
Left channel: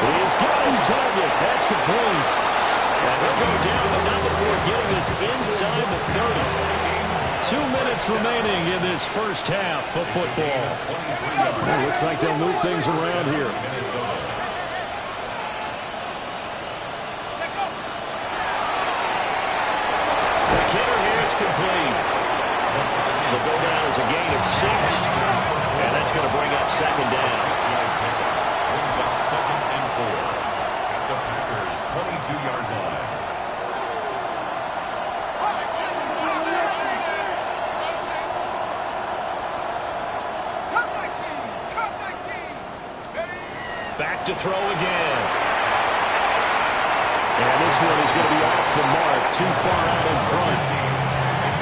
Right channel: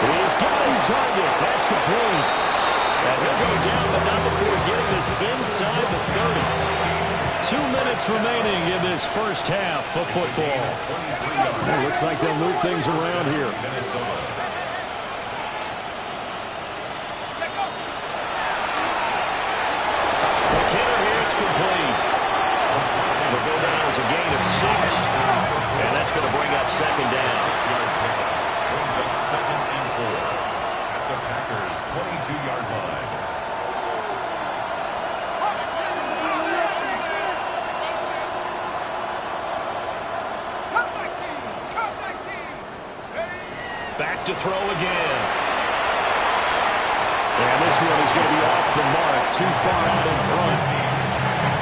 He's got his target. That's complete. And he'll go down, but not before getting this inside the 30. 2 minutes remaining in this first half of football. It looks like they'll move things around here. The kidder here, it's complete. Will go down as a gain of 6. And that's going to bring up second down. 6-yard pickup. Brings up 2nd and 4 at the Packers' 22-yard line. Back to throw again. And this one is going to be off the mark, too far out in front.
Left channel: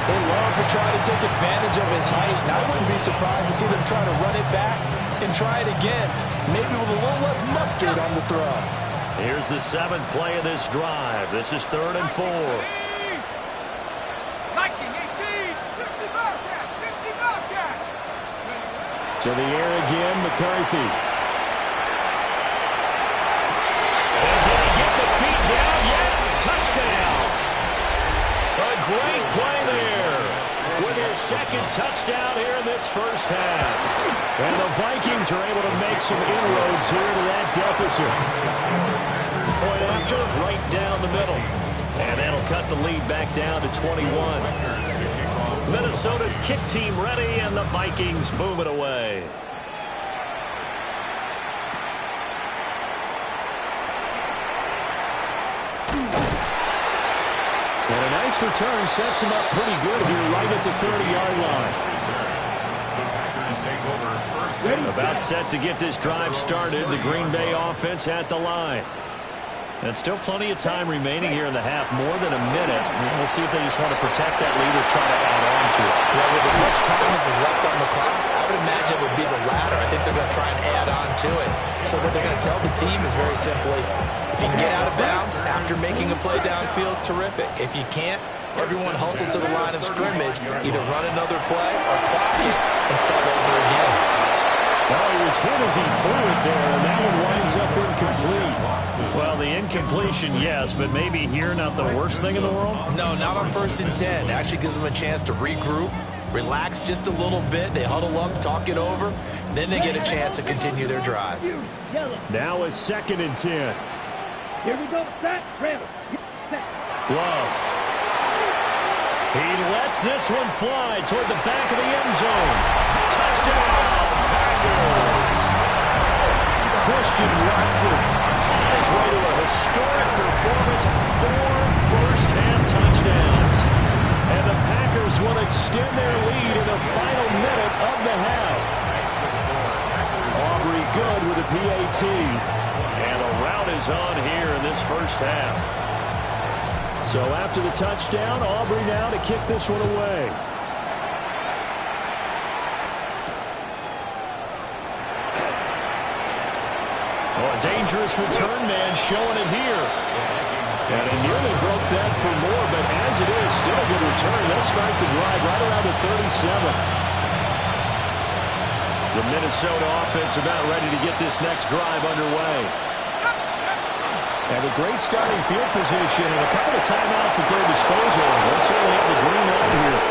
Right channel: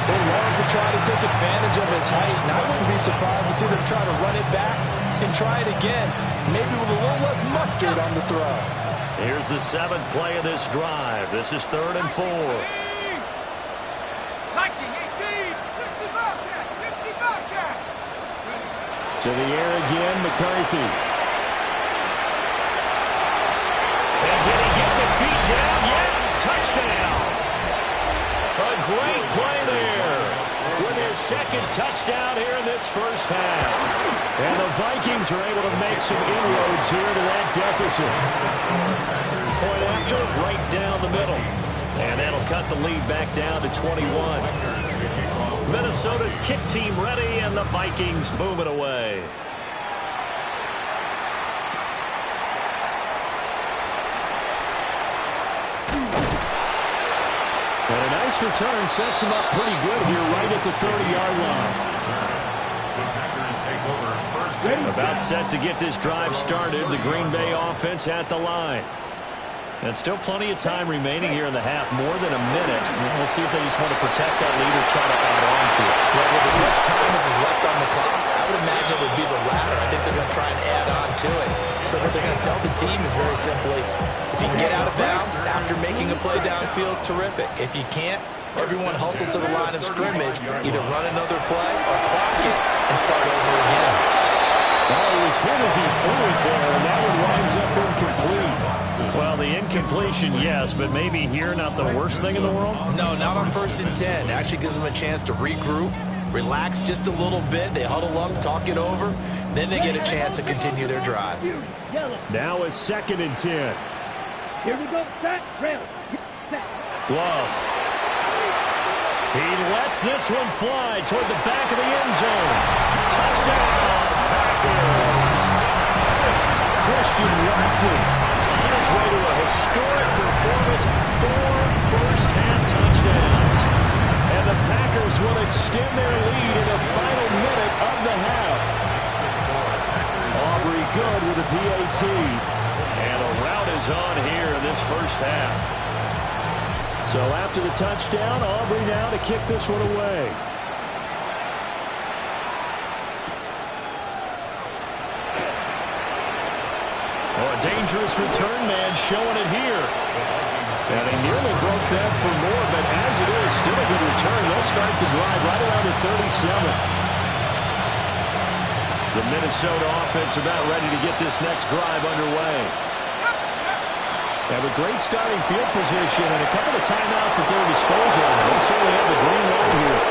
They love to try to take advantage of his height, and I wouldn't be surprised to see them try to run it back and try it again, maybe with a little less mustard on the throw. Here's the 7th play of this drive. This is 3rd and 4. Viking 18, 60 Bobcat, 60 Bobcat. To the air again, McCarthy. And did he get the feet down? Yes, touchdown. A great play there with his 2nd touchdown here in this first half. And the Vikings are able to make some inroads here to that deficit. Point after, right down the middle. And that'll cut the lead back down to 21. Minnesota's kick team ready, and the Vikings boom it away. And a nice return sets him up pretty good here right at the 30-yard line. The Packers take over first down. About set to get this drive started. The Green Bay offense at the line. And still plenty of time remaining here in the half, more than a minute. We'll see if they just want to protect that lead or try to add on to it. Yeah, with as much time as is left on the clock, I would imagine it would be the latter. I think they're going to try and add on to it. So what they're going to tell the team is very simply, if you can get out of bounds after making a play downfield, terrific. If you can't, everyone hustle to the line of scrimmage, either run another play or clock it and start over again. Well, he was hit as he threw it there, and that one winds up incomplete. Well, the incompletion, yes, but maybe here not the worst thing in the world? No, not on 1st and 10. It actually gives them a chance to regroup, relax just a little bit. They huddle up, talk it over, then they get a chance to continue their drive. Now it's 2nd and 10. Here we go. Set. Rail. Glove. He lets this one fly toward the back of the end zone. Touchdown, Packers. Christian Watson On his way to a historic performance, 4 first-half touchdowns. And the Packers will extend their lead in the final minute of the half. Aubrey good with a PAT. And a rout is on here in this first half. So after the touchdown, Aubrey now to kick this one away. Oh, a dangerous return man showing it here. And he nearly broke that for more, but as it is, still a good return. They'll start the drive right around the 37. The Minnesota offense about ready to get this next drive underway. Have a great starting field position and a couple of timeouts at their disposal. They'll certainly have the green light here.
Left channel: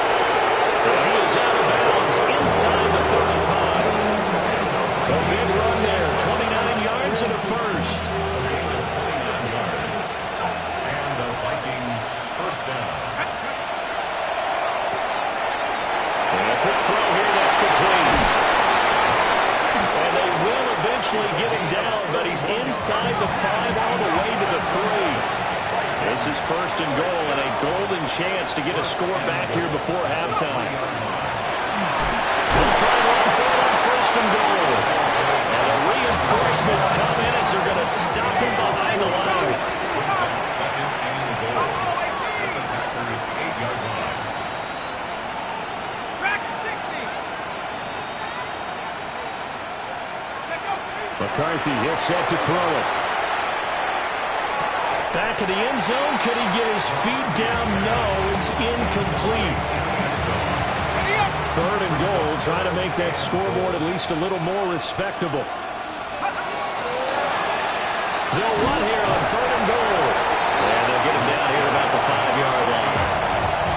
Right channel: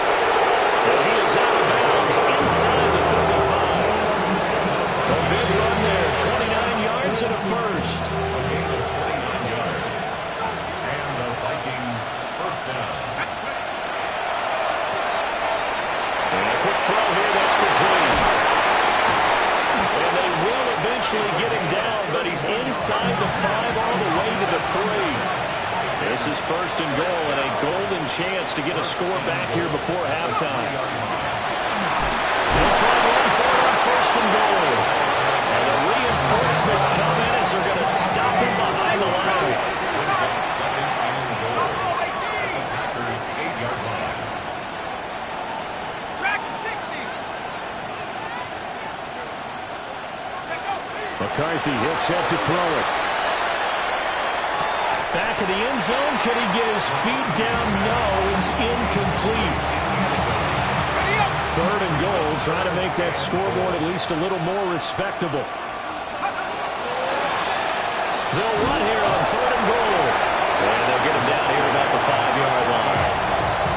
And he is out of bounds inside the 35. A big run there, 29 yards and a first. A gain of 29 yards. And the Vikings first down. And a quick throw here, that's complete. inside the 5 all the way to the 3. This is 1st and goal and a golden chance to get a score back here before halftime. They'll try and run for it on 1st and goal. And the reinforcements come in as they're going to stop him behind the line. Brings up 2nd and goal at the Packers' 8-yard line. Track 60. McCarthy, he'll set to throw it. Back of the end zone. Could he get his feet down? No, it's incomplete. 3rd and goal, trying to make that scoreboard at least a little more respectable. They'll run here on 3rd and goal. And they'll get him down here about the 5-yard line.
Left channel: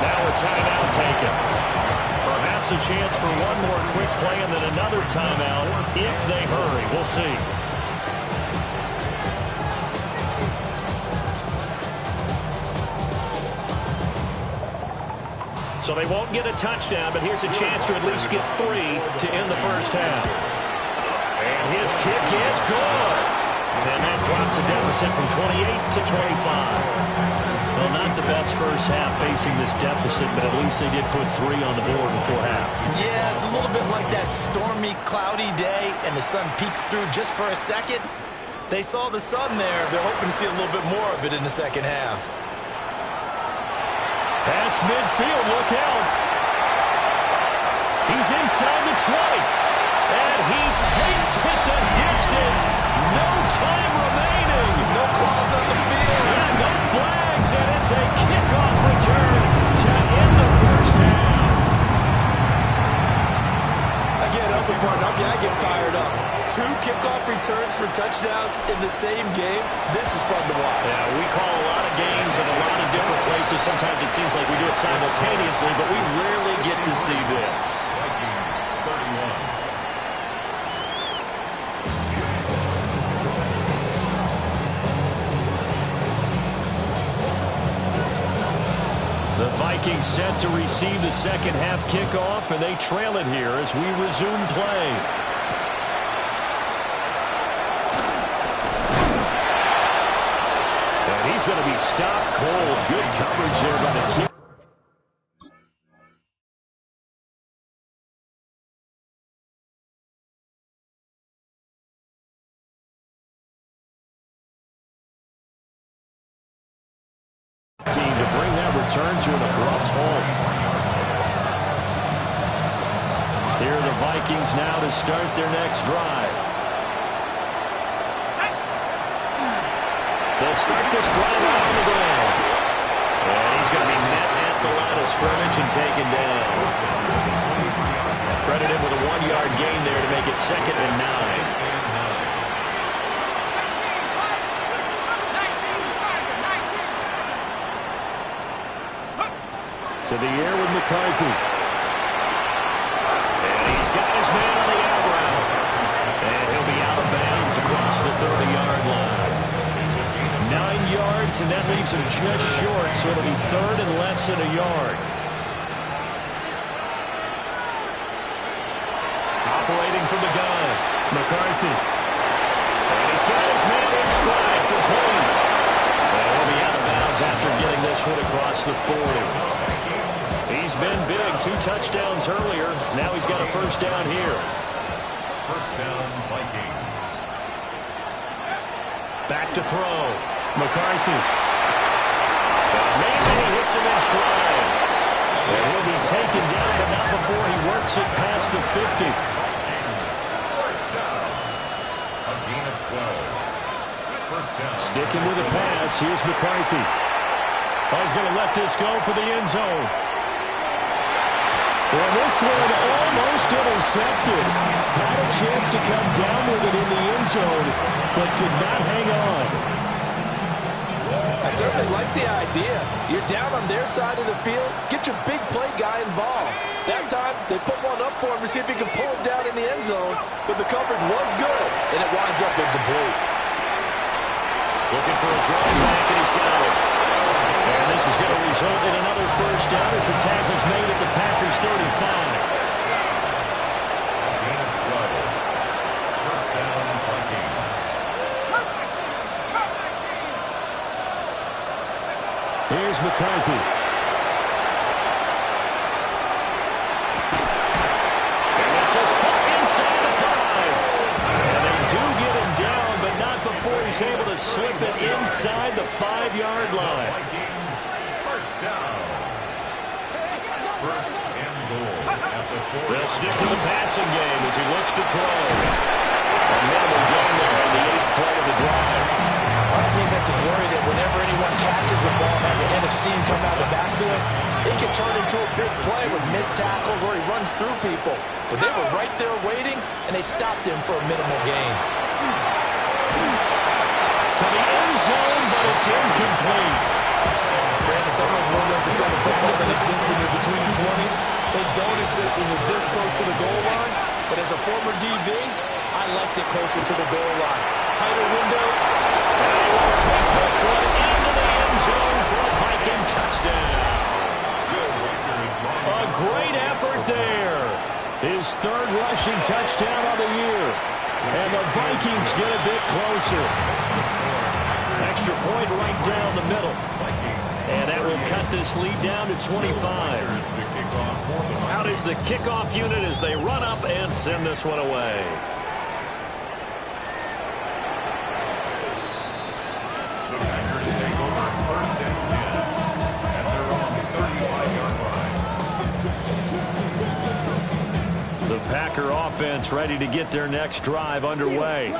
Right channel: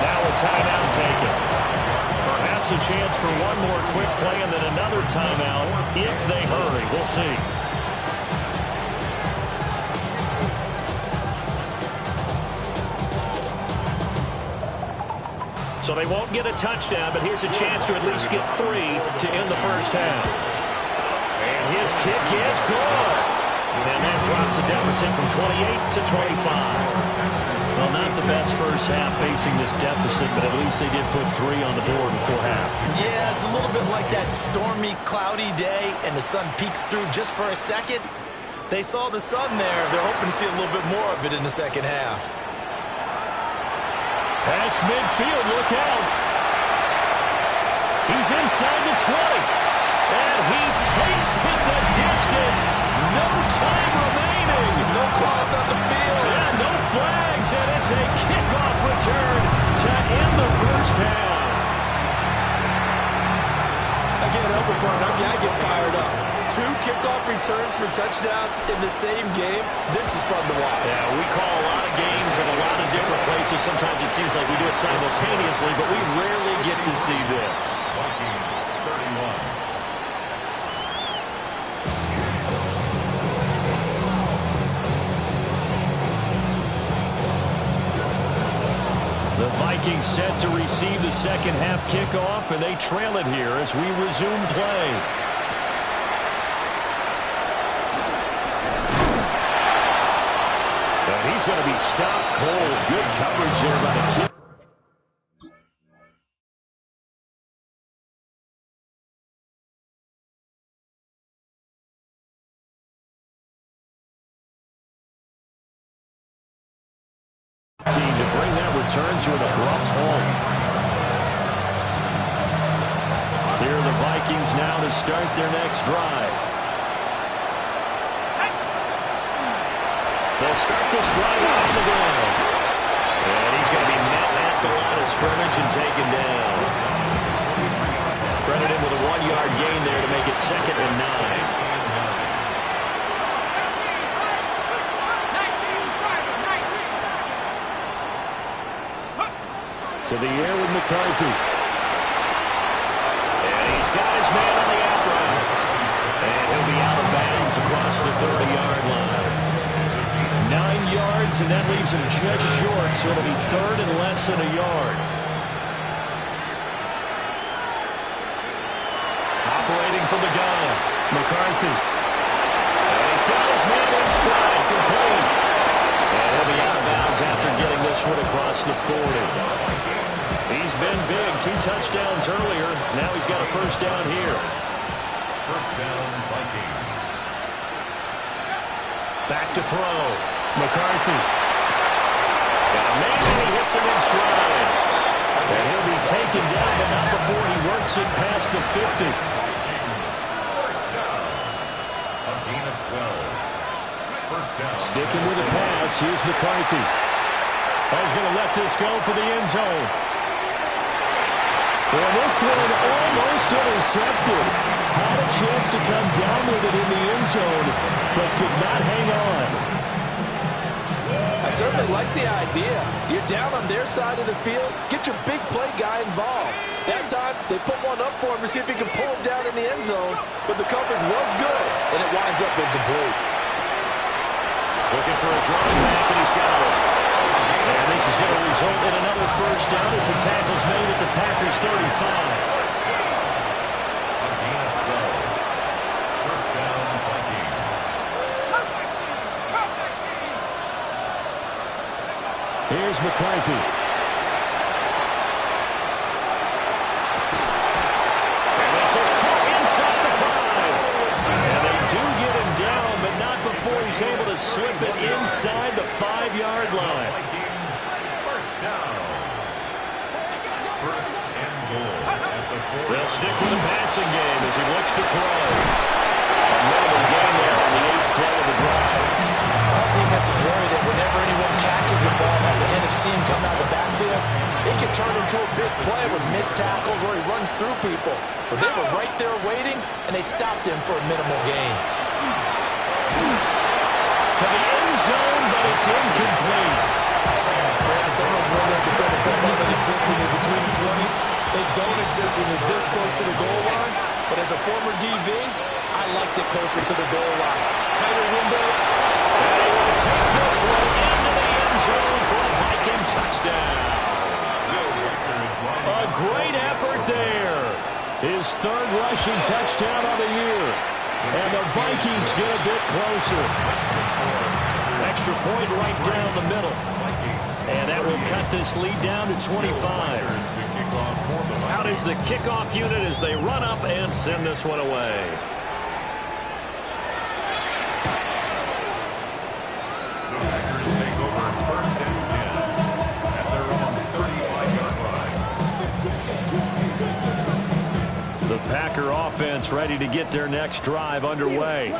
Now a timeout taken. Perhaps a chance for one more quick play and then another timeout if they hurry. We'll see. So they won't get a touchdown, but here's a chance to at least get 3 to end the first half. And his kick is good. And that drops a deficit from 28 to 25. Well, not the best first half facing this deficit, but at least they did put 3 on the board before half. Yeah, it's a little bit like that stormy, cloudy day, and the sun peeks through just for a second. They saw the sun there. They're hoping to see a little bit more of it in the second half. Pass midfield, look out. He's inside the 20. And he takes it the distance. No time remaining. No clogs on the field. Yeah, no flags, and it's a kickoff return to end the first half. Again, open partner, I get fired up. 2 kickoff returns for touchdowns in the same game. This is fun to watch. Yeah, we call a lot of games in a lot of different places. Sometimes it seems like we do it simultaneously, but we rarely get to see this. Vikings 31. The Vikings set to receive the second half kickoff, and they trail it here as we resume play. And he's going to be stopped cold. Good coverage there by the kick. Team to bring that return to an abrupt halt. Here are the Vikings now to start their next drive. They'll start this drive out on the ground. And he's going to be met at the line of scrimmage and taken down. Credit him with a 1-yard gain there to make it 2nd and 9. To the air with McCarthy. And he's got his man on the out route. And he'll be out of bounds across the 30-yard line. 9 yards, and that leaves him just short, so it'll be 3rd and less than a yard. Operating from the gun, McCarthy. And he's got his man in stride, complete. And he'll be out of bounds after getting this one across the 40. He's been big, 2 touchdowns earlier. Now he's got a first down here. First down, Vikings. Back to throw. McCarthy. Got a man, and he hits him in stride. And he'll be taken down, but not before he works it past the 50. Vikings, first down. A gain of 12. First down. Sticking with the pass, here's McCarthy. Oh, he's going to let this go for the end zone. And this one almost intercepted. Had a chance to come down with it in the end zone, but could not hang on. I certainly like the idea. You're down on their side of the field. Get your big play guy involved. That time, they put one up for him to see if he can pull it down in the end zone, but the coverage was good, and it winds up incomplete. Looking for his running back, and he's got it. And this is going to result in another first down as the tackle's made at the Packers' 35. First down. A gain of 12. First down, Vikings. Here's McCarthy. And this is caught inside the 5. And they do get him down, but not before he's able to slip it inside the 5-yard line. Vikings, first down. First and goal at the 4. They'll stick with the passing game as he looks to throw. A minimal gain there on the 8th play of the drive. Our defense is worried that whenever anyone catches the ball and has a head of steam come out of the backfield, it can turn into a big play with missed tackles or he runs through people. But they were right there waiting, and they stopped him for a minimal gain. To the end zone, but it's incomplete. Brandon, some of those windows in the football that exist when you're between the 20s, they don't exist when you're this close to the goal line. But as a former DB, I liked it closer to the goal line. Tighter windows. And he will take this one into the end zone for a Viking touchdown. A great effort there. His 3rd rushing touchdown of the year. And the Vikings get a bit closer. Extra point right down the middle. And that will cut this lead down to 25. Out is the kickoff unit as they run up and send this one away. The Packers take over first and 10 at their own 35-yard line. The Packer offense ready to get their next drive underway.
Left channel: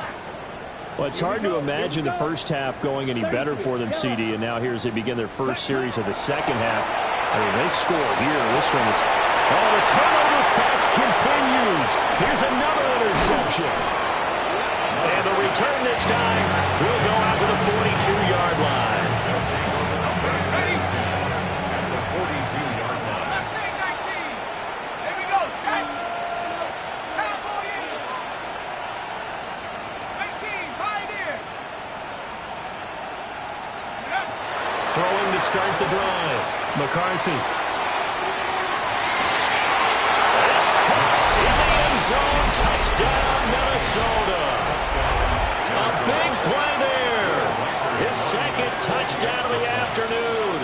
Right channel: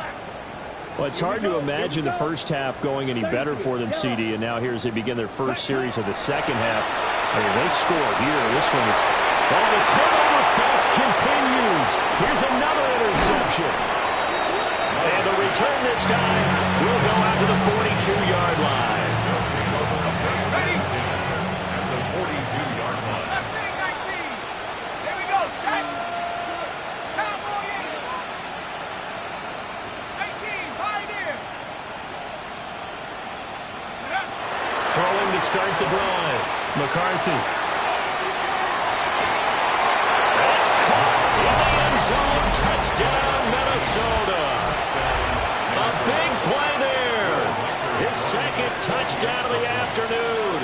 Well, it's hard to imagine the first half going any better for them, CD, and now here as they begin their first series of the second half. I mean, they score here. This one, the turnover fest continues. Here's another interception. And the return this time will go out to the 42-yard line. They'll take over first and 10 at the 42-yard line. Last thing, 19. Here we go, set. Cowboy in. 19, Pioneer. Throwing to start the drive. McCarthy. That's caught in the end zone. Touchdown, Minnesota. A big play there. His 2nd touchdown of the afternoon.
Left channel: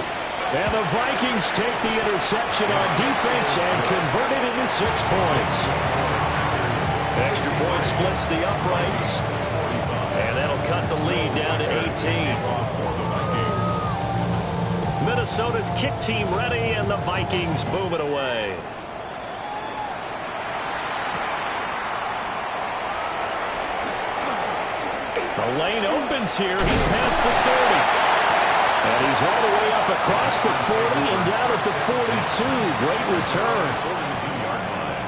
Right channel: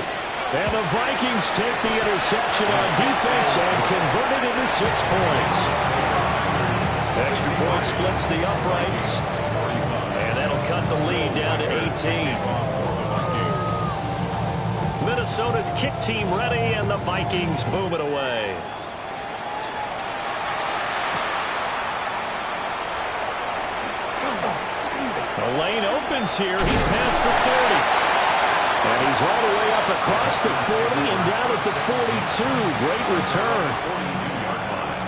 And the Vikings take the interception on defense and convert it into 6 points. Extra point splits the uprights. And that'll cut the lead down to 18. Minnesota's kick team ready, and the Vikings boom it away. The lane opens here. He's past the 30. And he's all the way up across the 40 and down at the 42. Great return.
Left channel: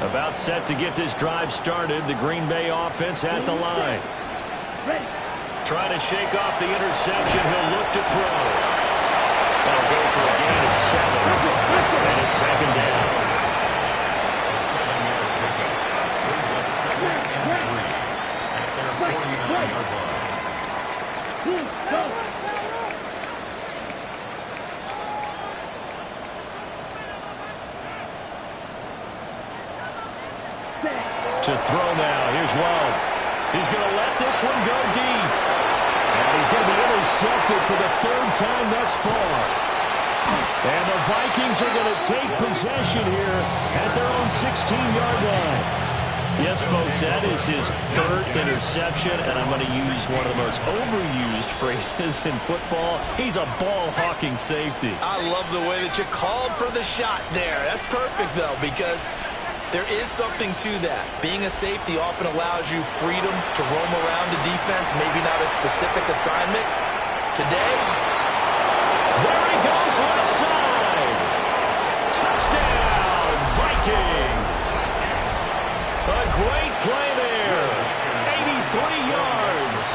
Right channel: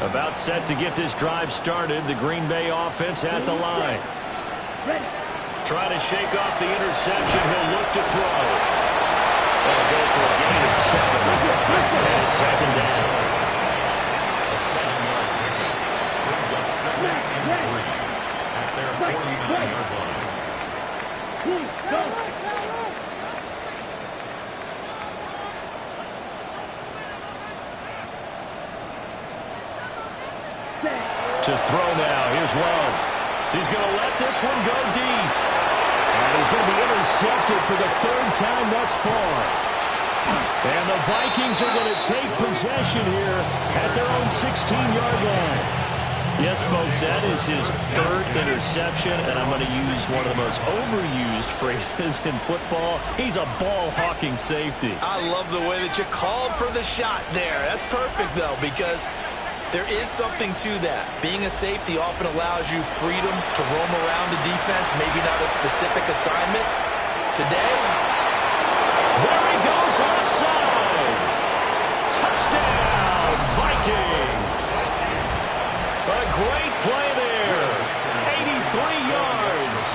About set to get this drive started. The Green Bay offense at the line. Trying to shake off the interception. He'll look to throw. That'll go for a gain of 7. And it's 2nd down. A 7-yard pickup brings up 2nd and 3 at their 49-yard line. To throw now. Here's Love. He's going to let this one go deep. And he's going to be intercepted for the 3rd time thus far. And the Vikings are going to take possession here at their own 16-yard line. Yes, folks, that is his 3rd interception, and I'm going to use one of the most overused phrases in football. He's a ball-hawking safety. I love the way that you called for the shot there. That's perfect, though, because there is something to that. Being a safety often allows you freedom to roam around the defense, maybe not a specific assignment. Today, there he goes left side. Touchdown, Vikings. A great play there. 83 yards.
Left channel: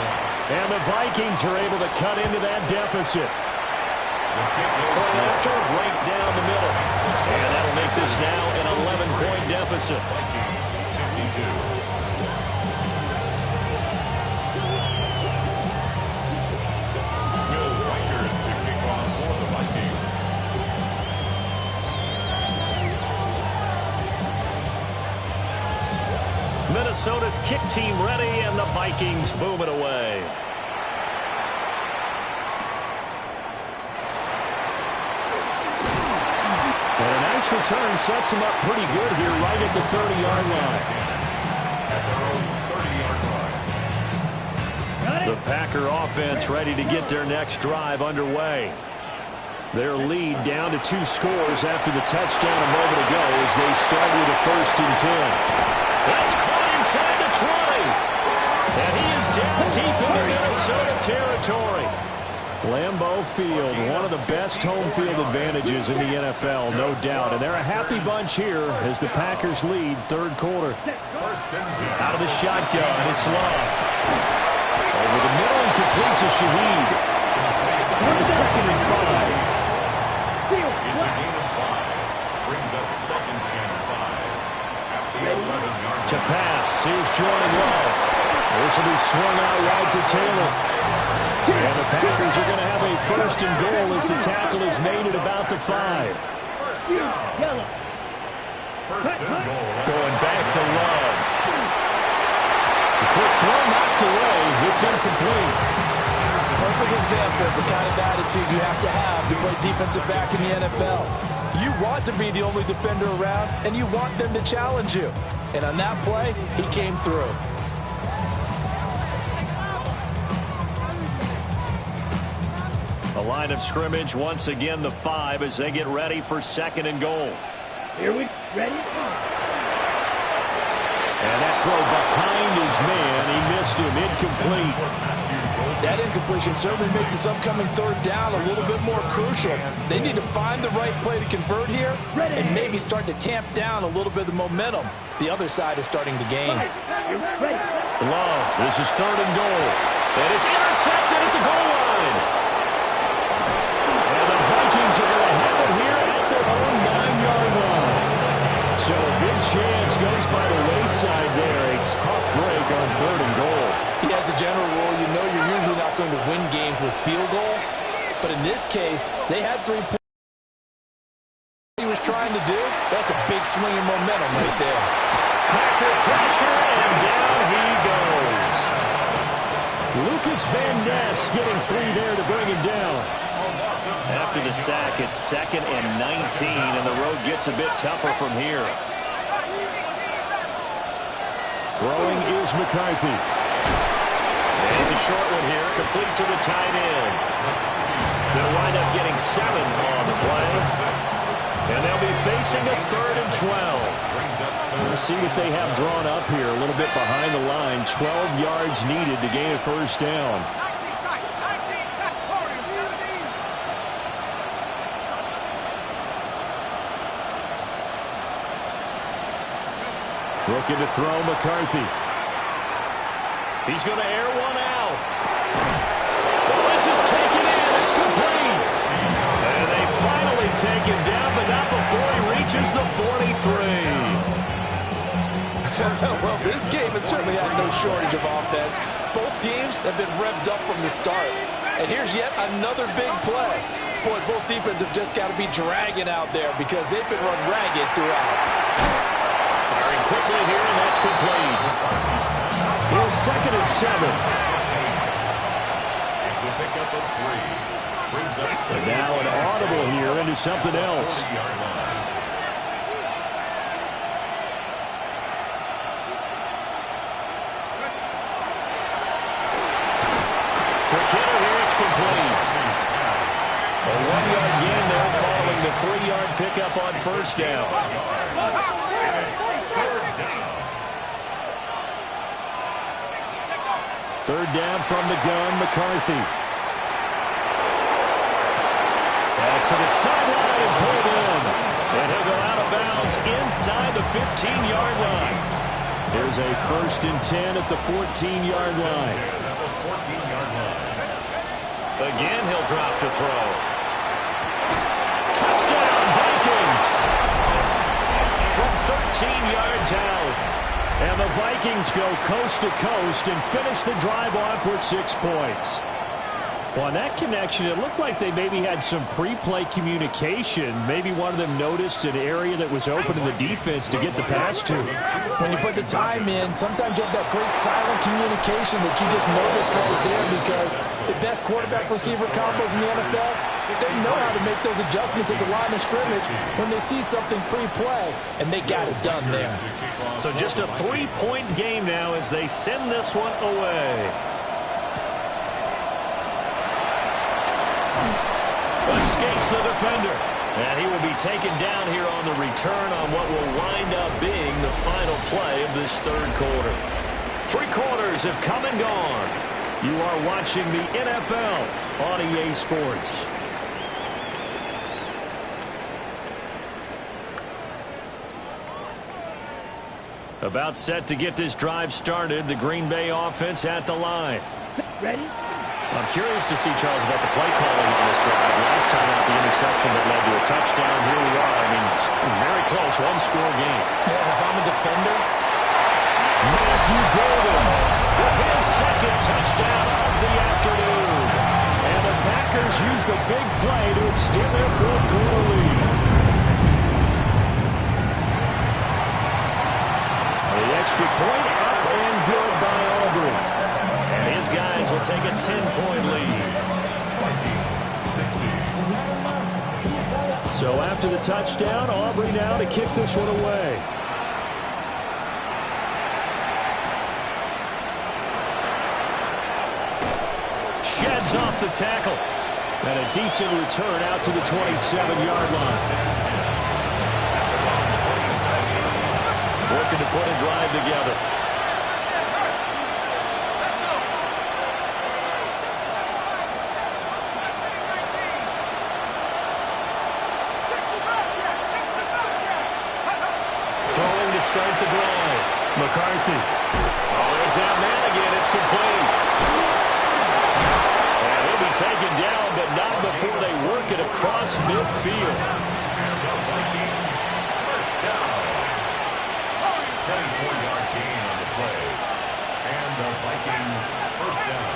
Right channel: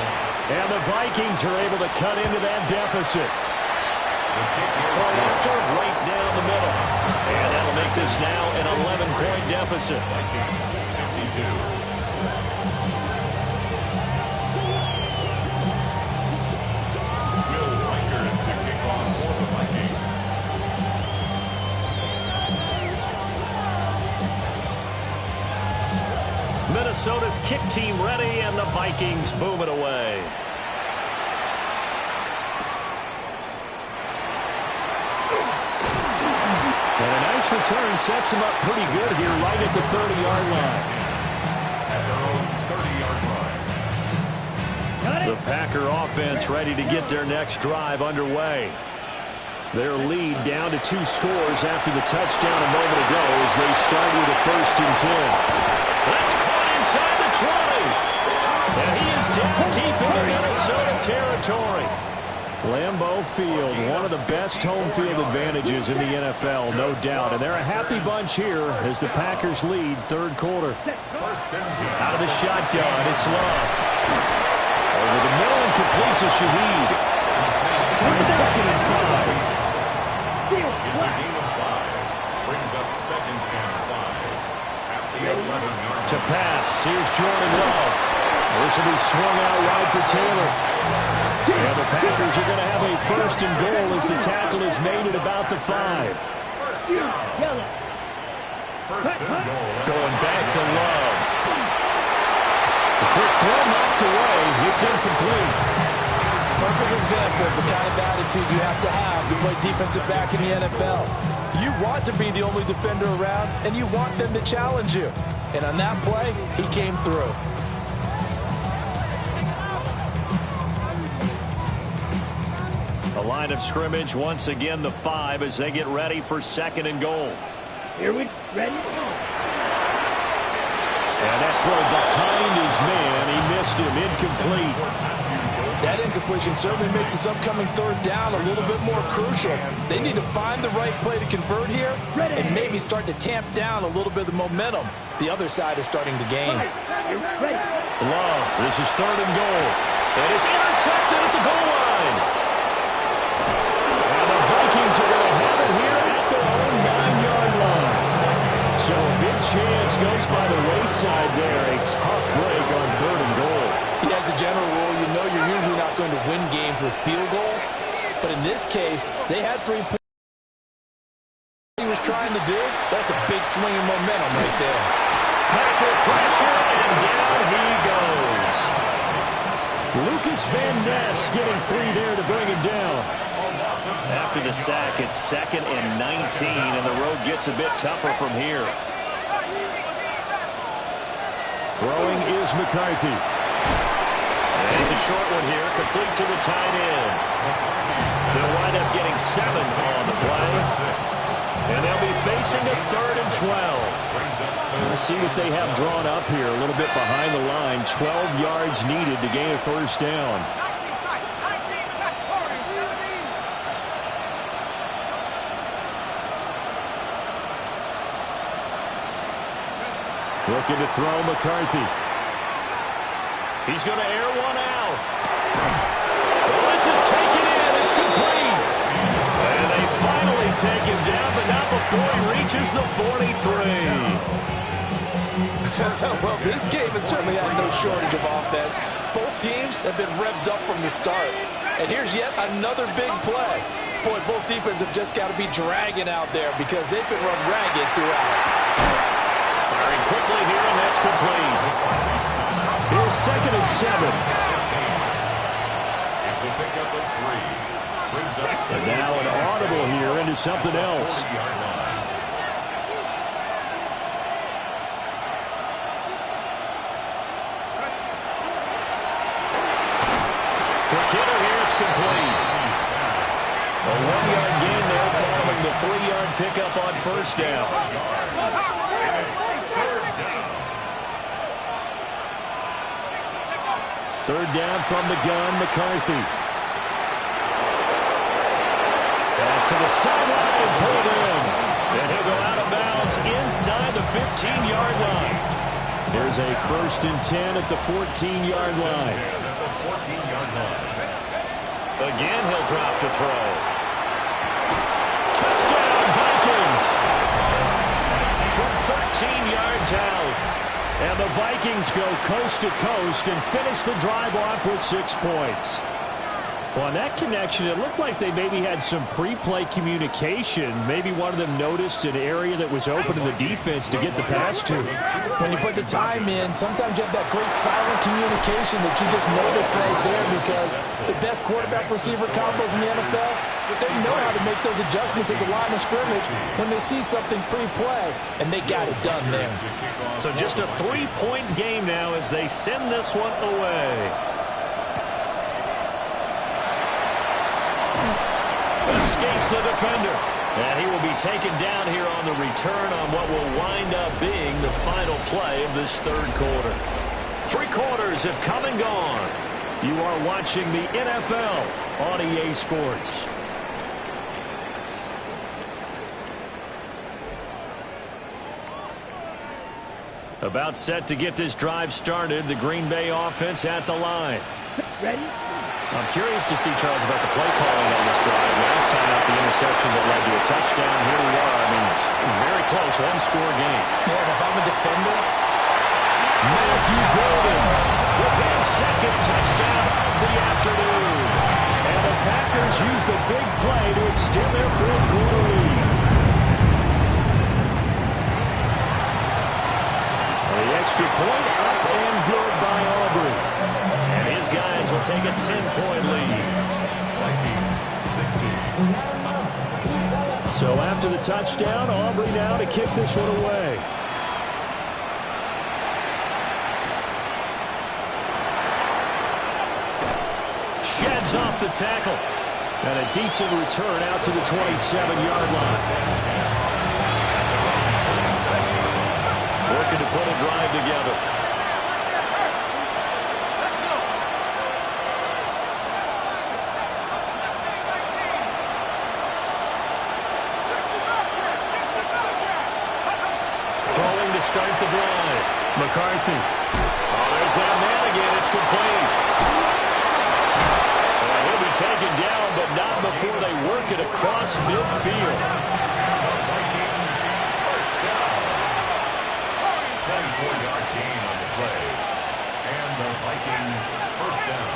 And the Vikings are able to cut into that deficit. Point after, right down the middle. And that'll make this now an 11-point deficit. Vikings 52. Will Riker to kick off for the Vikings. Minnesota's kick team ready, and the Vikings boom it away. nice return sets them up pretty good here right at the 30-yard line. At their own 30-yard line. The Packer offense ready to get their next drive underway. Their lead down to 2 scores after the touchdown a moment ago as they start with a 1st and 10. That's caught inside the 20. And he is down deep into Minnesota territory. Lambeau Field, one of the best home field advantages in the NFL, no doubt. And they're a happy bunch here as the Packers lead 3rd quarter. Out of the shotgun, it's Love. Over the middle and complete to Shaheed. 2nd and 5. It's a gain of 5. Brings up 2nd and 5. At the 11-yard To pass, here's Jordan Love. This will be swung out wide for Taylor. And the Packers are going to have a 1st and goal as the tackle is made at about the 5. First and goal. Going back to Love. The quick throw knocked away. It's incomplete. Perfect example of the kind of attitude you have to play defensive back in the NFL. You want to be the only defender around, and you want them to challenge you. And on that play, he came through. A line of scrimmage, once again the 5 as they get ready for 2nd and goal. Here we ready? And that throw behind his man, he missed him, incomplete. That incompletion certainly makes this upcoming 3rd down a little bit more crucial. They need to find the right play to convert here and maybe start to tamp down a little bit of the momentum the other side is starting to gain. Love, this is 3rd and goal. And it's intercepted at the goal line. And the Vikings are going to have it here at their own 9-yard line. So a big chance goes by the wayside there. A tough break on 3rd and goal. Yeah, as a general rule, you know you're usually not going to win games with field goals. But in this case, they had 3 points. He was trying to do, that's a big swing of momentum right there. Packer pressure, and down he goes. Lucas Van Ness getting 3 there to bring him down. After the sack, it's 2nd and 19, and the road gets a bit tougher from here. Throwing is McCarthy. And it's a short one here, complete to the tight end. They'll wind up getting 7 on the play. And they'll be facing a 3rd and 12. We'll see what they have drawn up here. A little bit behind the line. 12 yards needed to gain a 1st down. Looking to throw McCarthy. He's going to air one out. Well, this is taken in. It's complete. And they finally take him down, but not before he reaches the 43. Well, this game has certainly had no shortage of offense. Both teams have been revved up from the start. And here's yet another big play. Boy, both defenses have just got to be dragging out there because they've been run ragged throughout. Firing quickly here, and that's complete. Here's 2nd and 7. It's a pickup of 3. Brings up 7. And now an audible here into something else. 40-yard line. Quick hitter here, it's complete. A 1-yard gain there following the 3-yard pickup on 1st down. Third down from the gun, McCarthy. Pass to the sideline and pulled in. And he'll go out of bounds inside the 15-yard line. Here's a 1st and 10 at the 14-yard line. Again, he'll drop to throw. Touchdown, Vikings! From 13 yards out. And the Vikings go coast to coast and finish the drive off with 6 points. Well, on that connection, it looked like they maybe had some pre-play communication. Maybe one of them noticed an area that was open in the defense to get the pass to. When you put the time in, sometimes you have that great silent communication that you just noticed right there, because the best quarterback-receiver combos in the NFL, they know how to make those adjustments at the line of scrimmage when they see something pre-play, and they got it done there. So just a 3-point game now as they send this one away. Escapes the defender. And he will be taken down here on the return on what will wind up being the final play of this third quarter. 3 quarters have come and gone. You are watching the NFL on EA Sports. About set to get this drive started. The Green Bay offense at the line. Ready? I'm curious to see, Charles, about the play calling on this drive. Last time out, the interception that led to a touchdown. Here we are. I mean, very close, one-score game. Yeah, and if I'm a defender, Matthew Golden with his second touchdown of the afternoon. And the Packers use the big play to extend their fourth-quarter lead. The extra point up and good by Aubrey. And his guys will take a 10-point lead. Vikings 60. So after the touchdown, Aubrey now to kick this one away. Sheds off the tackle. And a decent return out to the 27-yard line. Working to put a drive together. Throwing to start the drive. McCarthy. Oh, there's that man again. It's complete. And he'll be taken down, but not before they work it across midfield. And the Vikings first down. 24-yard gain on the play. And the Vikings first down.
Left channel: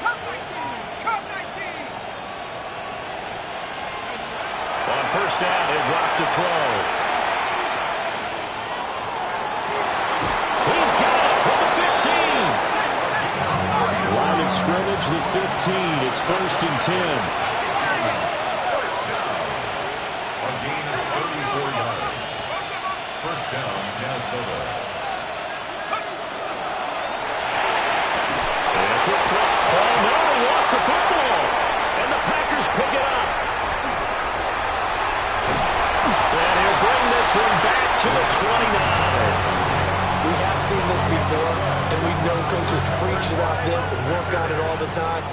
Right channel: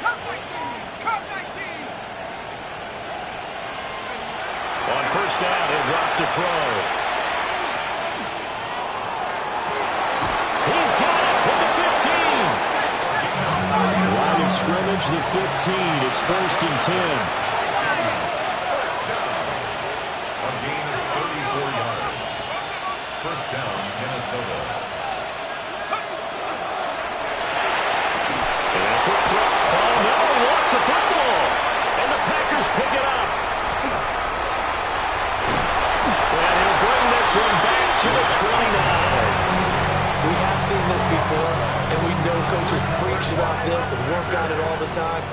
Cup 19! Cup 19! On first down, he'll drop to throw. He's got it with the 15. Line of scrimmage, the 15. It's 1st and 10. First down. A gain of 34 yards. First down, Minnesota. And a quick throw. Oh, no, he lost the football. And the Packers pick it up. And he'll bring this one back to the 29. we have seen this before, and we know coaches preach about this and work on it all the time.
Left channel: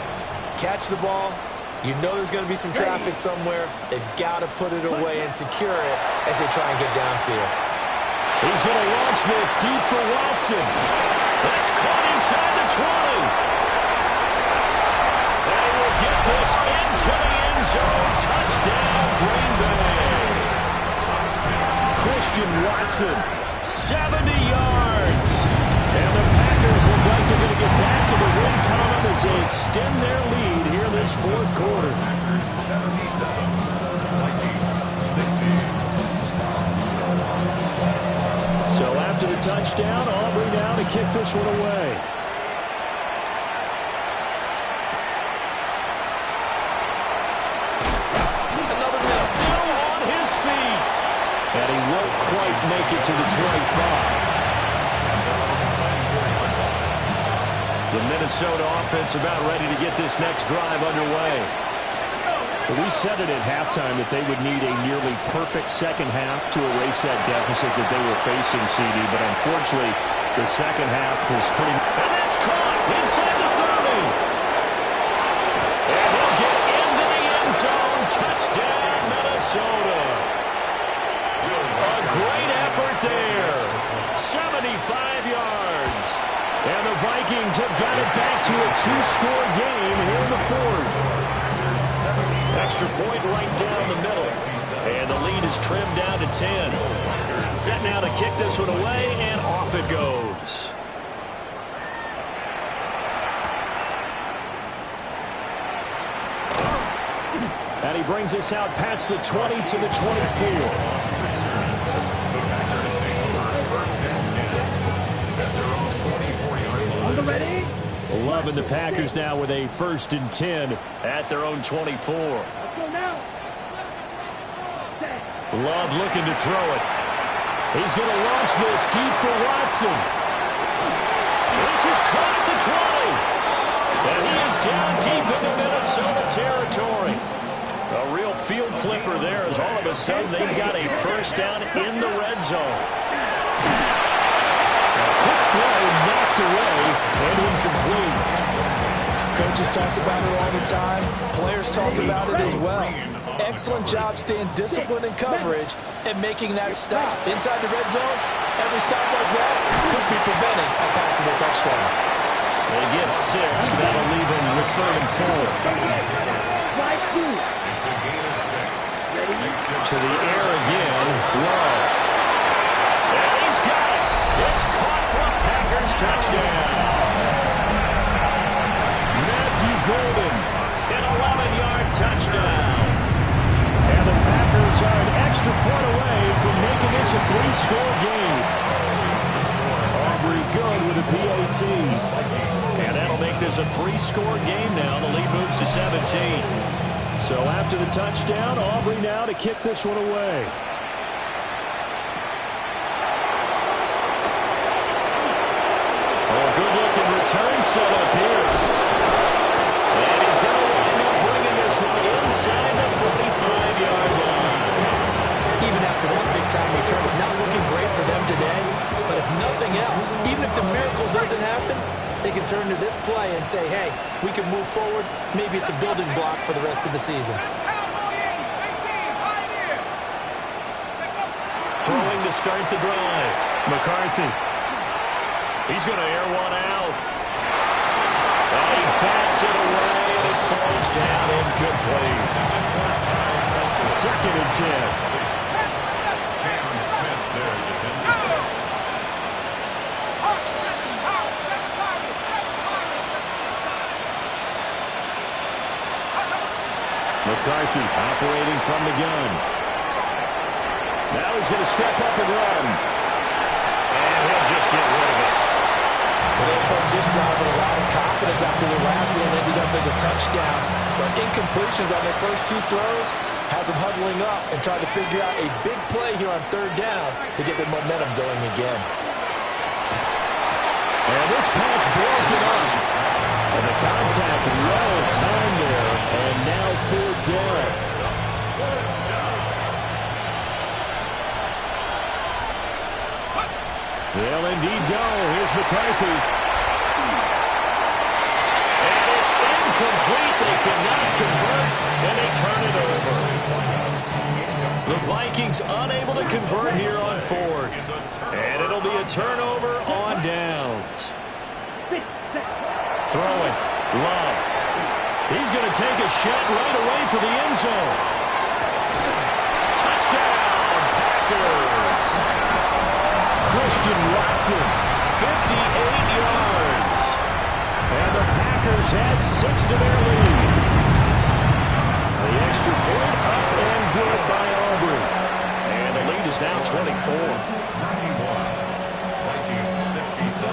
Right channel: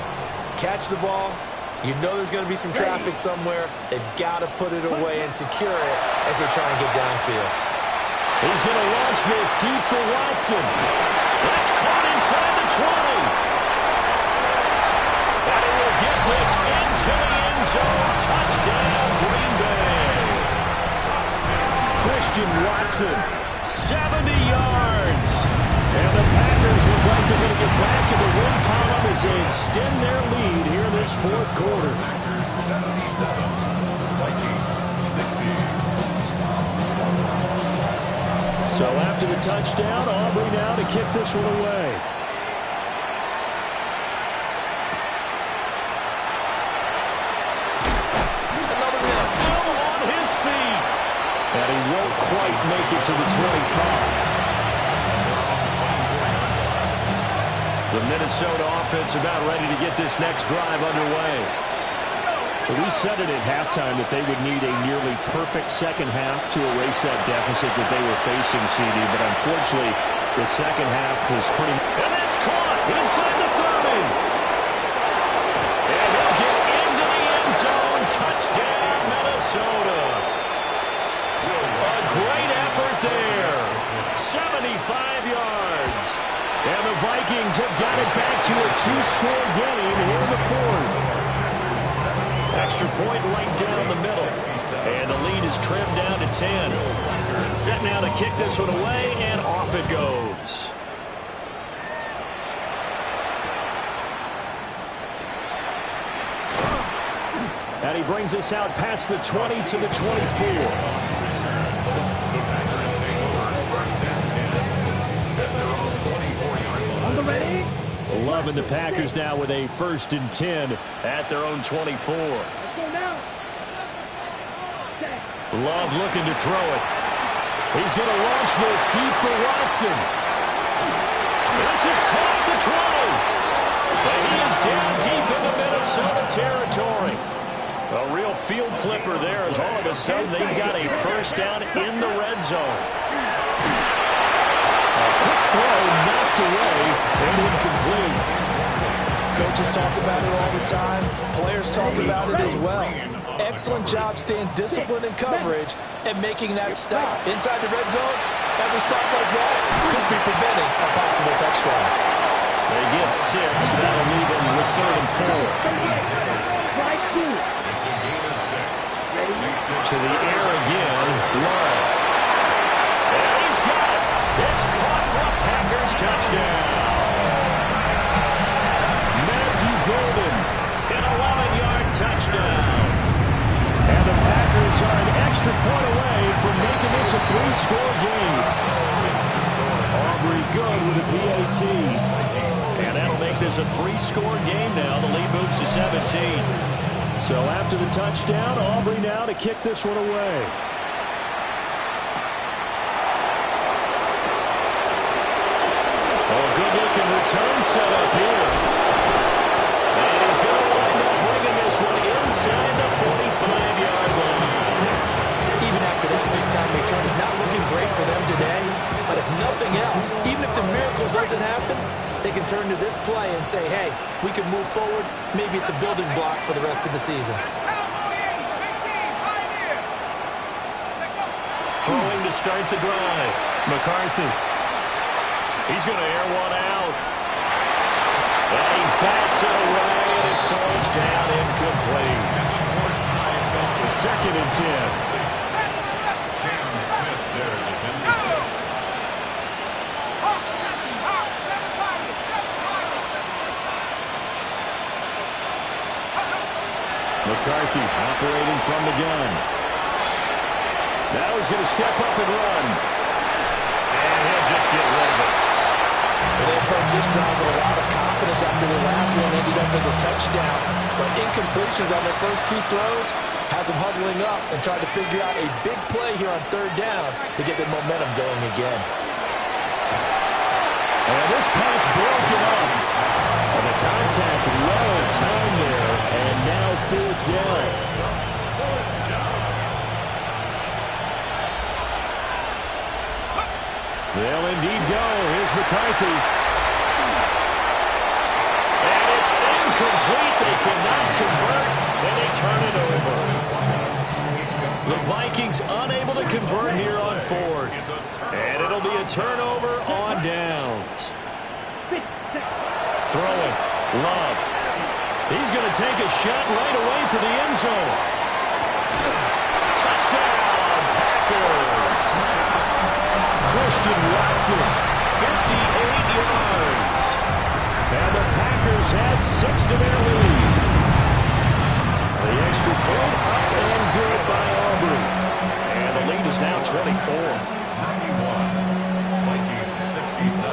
Catch the ball. You know there's going to be some traffic somewhere. They've got to put it away and secure it as they try and get downfield. He's going to launch this deep for Watson. That's caught inside the 20. And he will get this into the end zone. Touchdown, Green Bay. Christian Watson, 70 yards. And the Packers look like they're going to get back in the win column as they extend their lead here in this fourth quarter. Packers 77, Vikings 60. So after the touchdown, Aubrey now to kick this one away. Another miss. Still on his feet. And he won't quite make it to the 25. The Minnesota offense about ready to get this next drive underway. But we said it at halftime that they would need a nearly perfect second half to erase that deficit that they were facing, CD. But unfortunately, the second half was pretty... And that's caught inside the 30. And he'll get into the end zone. Touchdown, Minnesota. A great effort there. 75 yards. And the Vikings have got it back to a two-score game here in the fourth. Extra point right down the middle. And the lead is trimmed down to 10. Set now to kick this one away, and off it goes. And he brings us out past the 20 to the 24. The Packers take over first and 10 at their own 24-yard line. On the ready? Love and the Packers now with a first and 10 at their own 24. Let's go now. Love looking to throw it. He's going to launch this deep for Watson. This is caught at the 20. And he is down deep into Minnesota territory. A real field flipper there as all of a sudden they've got a first down in the red zone. A quick throw knocked away and incomplete. Coaches talk about it all the time. Players talk about it as well. Excellent job staying disciplined in coverage and making that stop. Inside the red zone, every stop like that could be preventing a possible touchdown. They get 6. That'll leave them with 3rd and 4. It's a gain of 6. To the air again, Love. And he's got it. It's caught for a Packers touchdown. Matthew Golden, an 11-yard touchdown. And the Packers are an extra point away from making this a 3-score game. Aubrey good with a PAT. And that'll make this a 3-score game now. The lead moves to 17. So after the touchdown, Aubrey now to kick this one away. Oh, a good-looking return set up here. And he's going to wind up bringing this one inside the 45-yard line. Even after that big-time return, it's not looking great for them today. But if nothing else, even if the miracle doesn't happen, they can turn to this play and say, hey, we can move forward. Maybe it's a building block for the rest of the season. Throwing to start the drive. McCarthy. He's going to air one out. And he bats it away, and it falls down incomplete. 2nd and 10. Cam Smith there defensively. McCarthy operating from the gun. Now he's going to step up and run. And he'll just get rid of it. They approach this drive with a lot of confidence after their last one ended up as a touchdown. But incompletions on their first 2 throws has them huddling up and trying to figure out a big play here on 3rd down to get their momentum going again. And this pass broken up. And the contact well timed there. And now 4th down. They'll indeed go. Here's McCarthy. And it's incomplete. They cannot convert, and they turn it over. The Vikings unable to convert here on 4th. And it'll be a turnover on downs. Throwing. Love. He's going to take a shot right away for the end zone. Touchdown, Packers. Christian Watson, 58 yards. And the Packers add 6 to their lead. The extra point up and good by Aubrey. And the lead is now 24. 91. Vikings 67.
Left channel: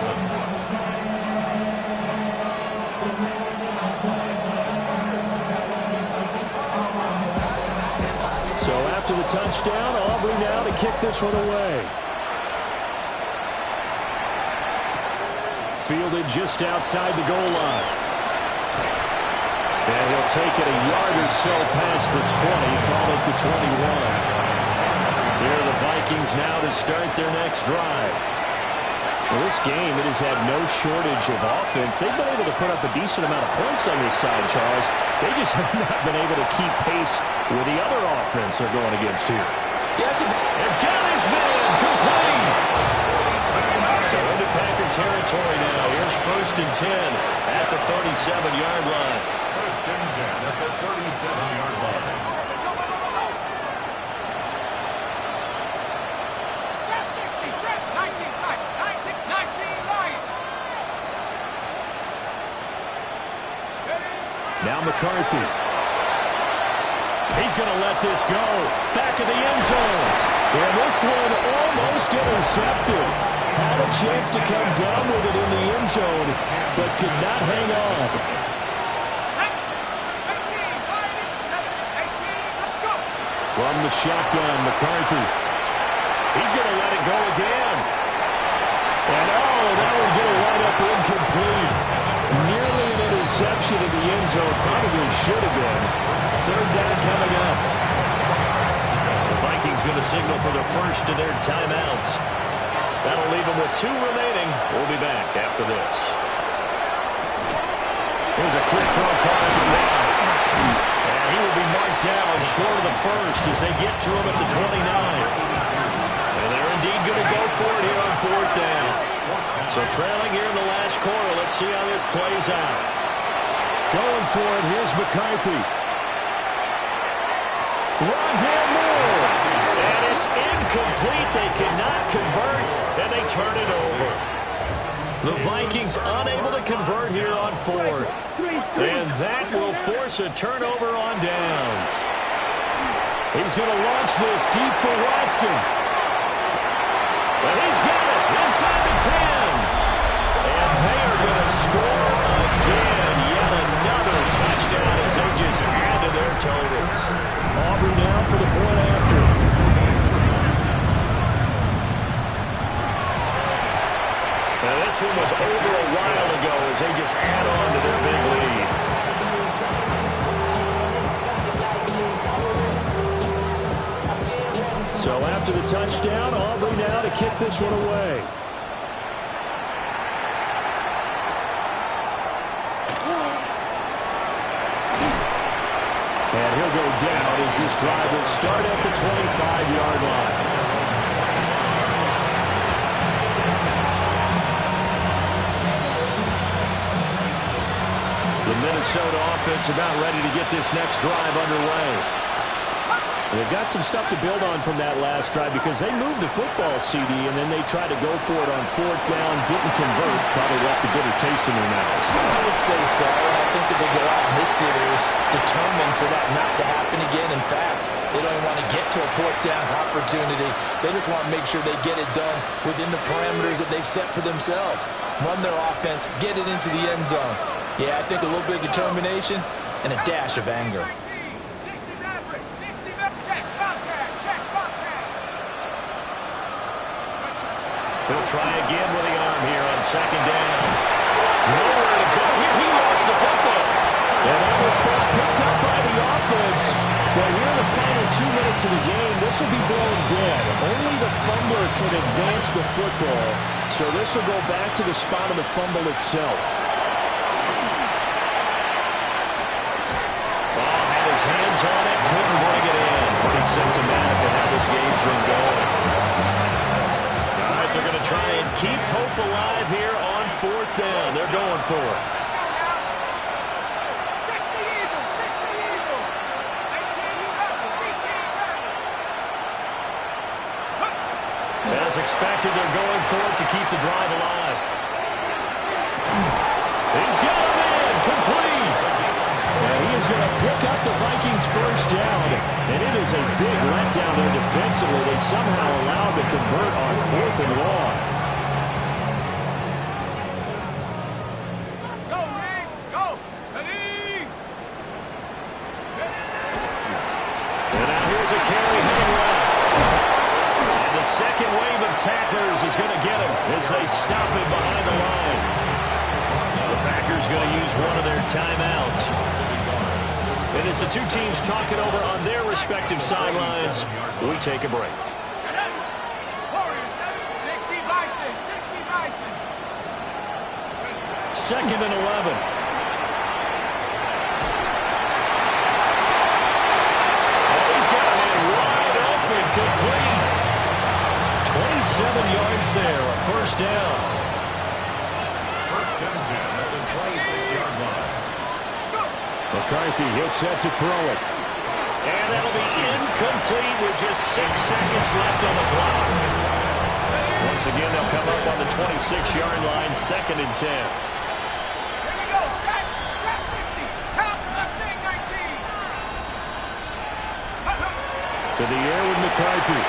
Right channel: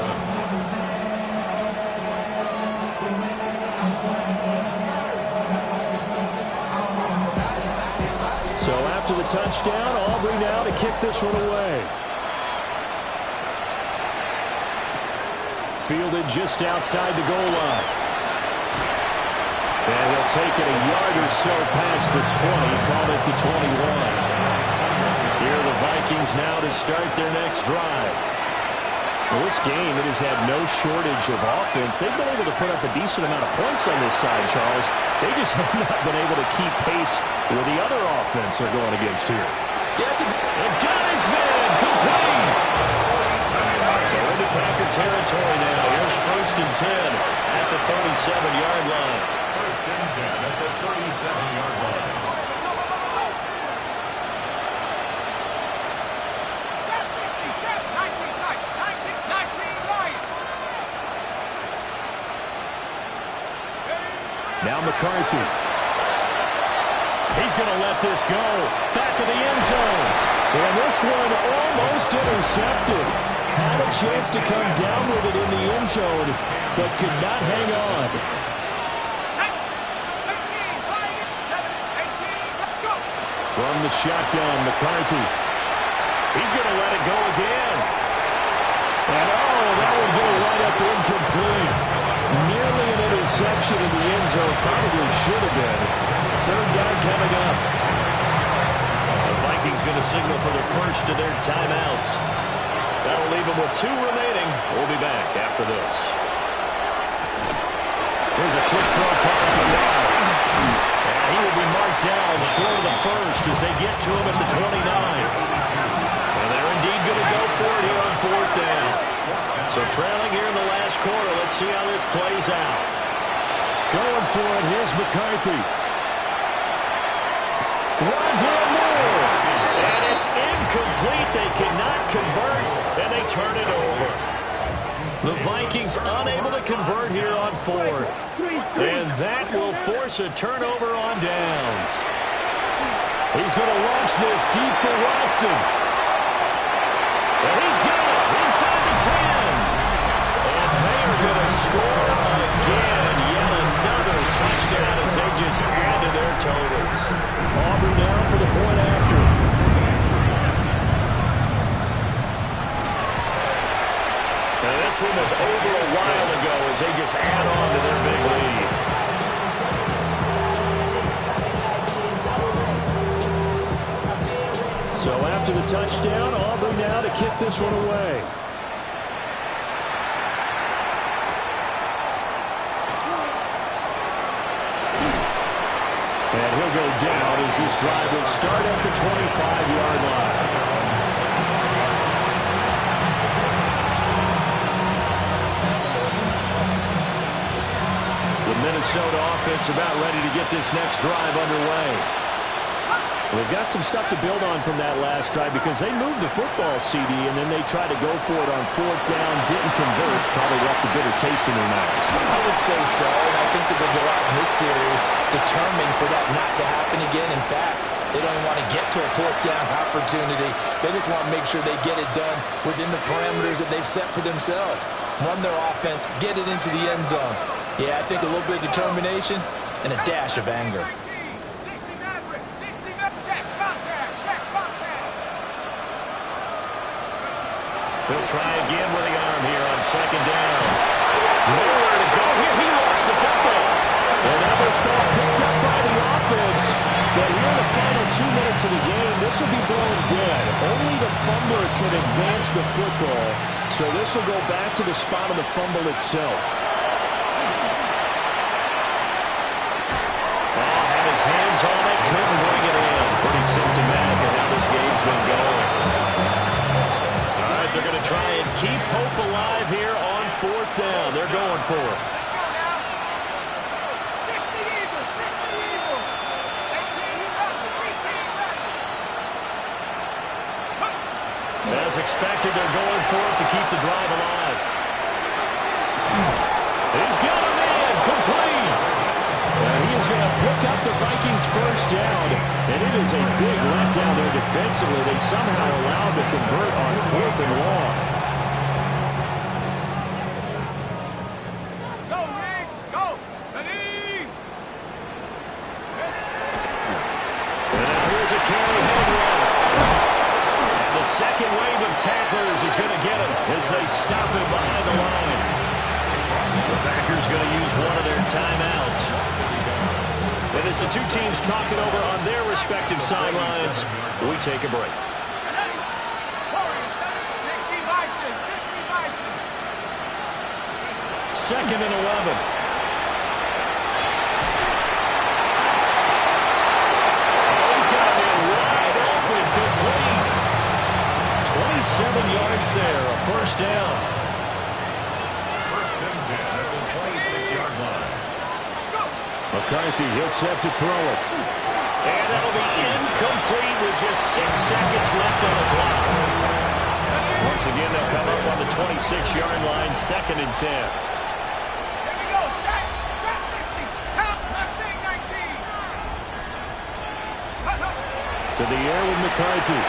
So after the touchdown, Aubrey now to kick this one away. Fielded just outside the goal line. And he'll take it a yard or so past the 20, call it the 21. Here are the Vikings now to start their next drive. Well, this game, it has had no shortage of offense. They've been able to put up a decent amount of points on this side, Charles. They just have not been able to keep pace with the other offense they're going against here. Yeah, and got his man complete. So into Packer territory now. Here's 1st and 10 at the 37-yard line. 1st and 10 at the 37-yard line. Trap 60, trap 19 tight, 19 Lion. Now McCarthy. He's going to let this go. Back of the end zone. And this one almost intercepted. Had a chance to come down with it in the end zone, but could not hang on. From the shotgun, McCarthy. He's going to let it go again. And, that one going to wind up incomplete. Nearly an interception in the end zone. Probably should have been. Third down coming up. The Vikings going to signal for the first of their timeouts. That'll leave them with 2 remaining. We'll be back after this. Here's a quick throw caught out wide. And he will be marked down short of the first as they get to him at the 29. And they're indeed going to go for it here on 4th down. So trailing here in the last quarter. Let's see how this plays out. Going for it. Here's McCarthy. Rondale Moore. And it's incomplete. They cannot convert, and they turn it over. The Vikings unable to convert here on 4th. And that will force a turnover on downs. He's going to launch this deep for Watson. And he's got it inside the 10. And they are going to score again. Yet another touchdown as they just add to their totals. Auburn now for the point after. Now this one was over a while ago as they just add on to their big lead. So after the touchdown, Aubrey now to kick this one away. And he'll go down as this drive will start at the 25-yard line. The Minnesota offense about ready to get this next drive underway. They've got some stuff to build on from that last drive because they moved the football, CD, and then they tried to go for it on 4th down, didn't convert, probably left a bitter taste in their mouths. I would say so, and I think that they go out in this series determined for that not to happen again. In fact, they don't even want to get to a 4th down opportunity. They just want to make sure they get it done within the parameters that they've set for themselves. Run their offense, get it into the end zone. Yeah, I think a little bit of determination and a dash of anger. He'll try again with the arm here on 2nd down. Nowhere to go here. He lost the football. And now this ball picked up by the offense. But here in the final 2 minutes of the game, this will be blown dead. Only the fumbler can advance the football. So this will go back to the spot of the fumble itself. Had his hands on it, couldn't bring it in. Pretty symptomatic of how this game's been going. All right, they're going to try and keep hope alive here on 4th down. They're going for it. Let's go now. 60 Eagles, 60 Eagles. 18 Rebel, 18 Rebel. As expected, they're going for it to keep the drive alive. He's got him in, complete. And he is going to pick up the Vikings' first down. And it is a big letdown there defensively. They somehow allowed to convert on 4th and long. Go, Rick, go. Ready. And now here's a carry heading left. And the second wave of tacklers is going to get him as they stop him behind the line. The Packers going to use one of their timeouts. And as the two teams talk it over on their respective sidelines, we take a break. 2nd and 11. Oh, he's got him in wide open, complete. 27 yards there, a first down. 1st and 10 at the 26-yard line. McCarthy, he'll set to throw it. And that'll be incomplete with just 6 seconds left on the clock. Once again, they'll come up on the 26-yard line, 2nd and 10. Here we go, set, 60, count, Mustang 19. To the air with McCarthy.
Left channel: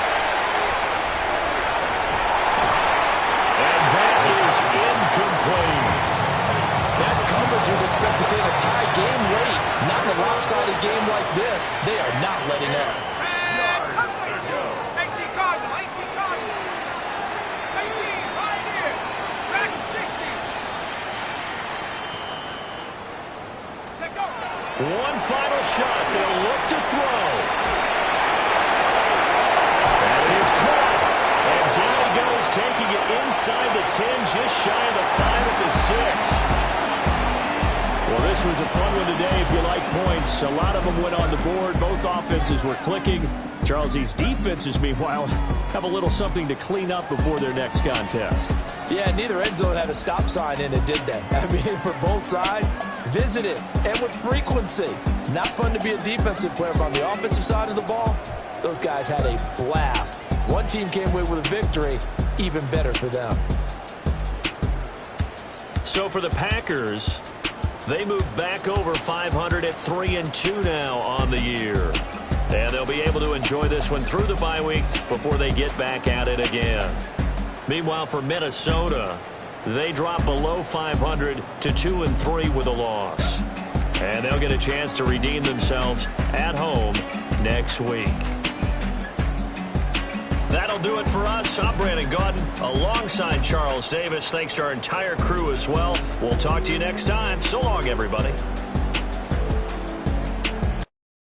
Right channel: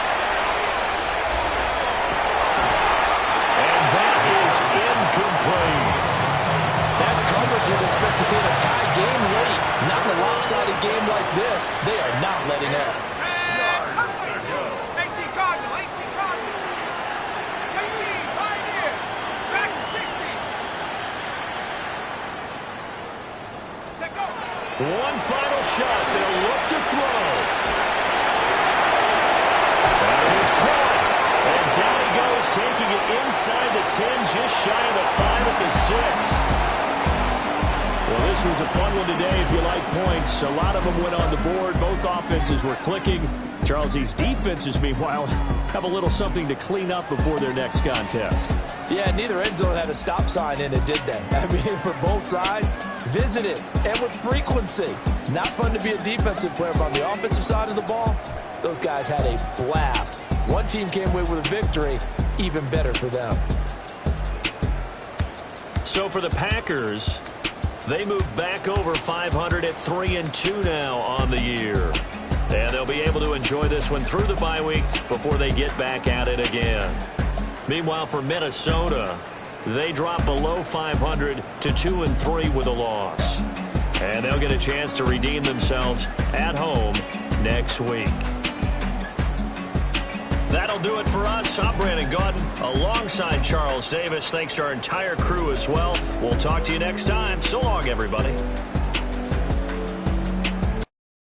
And that is incomplete. That's coverage you'd expect to see in a tie game late. Not in a lopsided game like this. They are not letting up. 18 Cardinal, 18 Cardinal. 18, Pioneer. Track 60. Take over. One final shot. They'll look to throw. That is caught. And down he goes, taking it inside the 10, just shy of the 5 at the 6. Well, this was a fun one today if you like points. A lot of them went on the board. Both offenses were clicking. Charles, these defenses, meanwhile, have a little something to clean up before their next contest. Yeah, neither end zone had a stop sign in it, did they? I mean, for both sides, visit it, and with frequency. Not fun to be a defensive player, but on the offensive side of the ball, those guys had a blast. One team came away with a victory, even better for them. So for the Packers, they move back over 500 at 3-2 now on the year. And they'll be able to enjoy this one through the bye week before they get back at it again. Meanwhile, for Minnesota, they drop below 500 to 2-3 with a loss. And they'll get a chance to redeem themselves at home next week. That'll do it for us. I'm Brandon Gaudin alongside Charles Davis. Thanks to our entire crew as well. We'll talk to you next time. So long, everybody.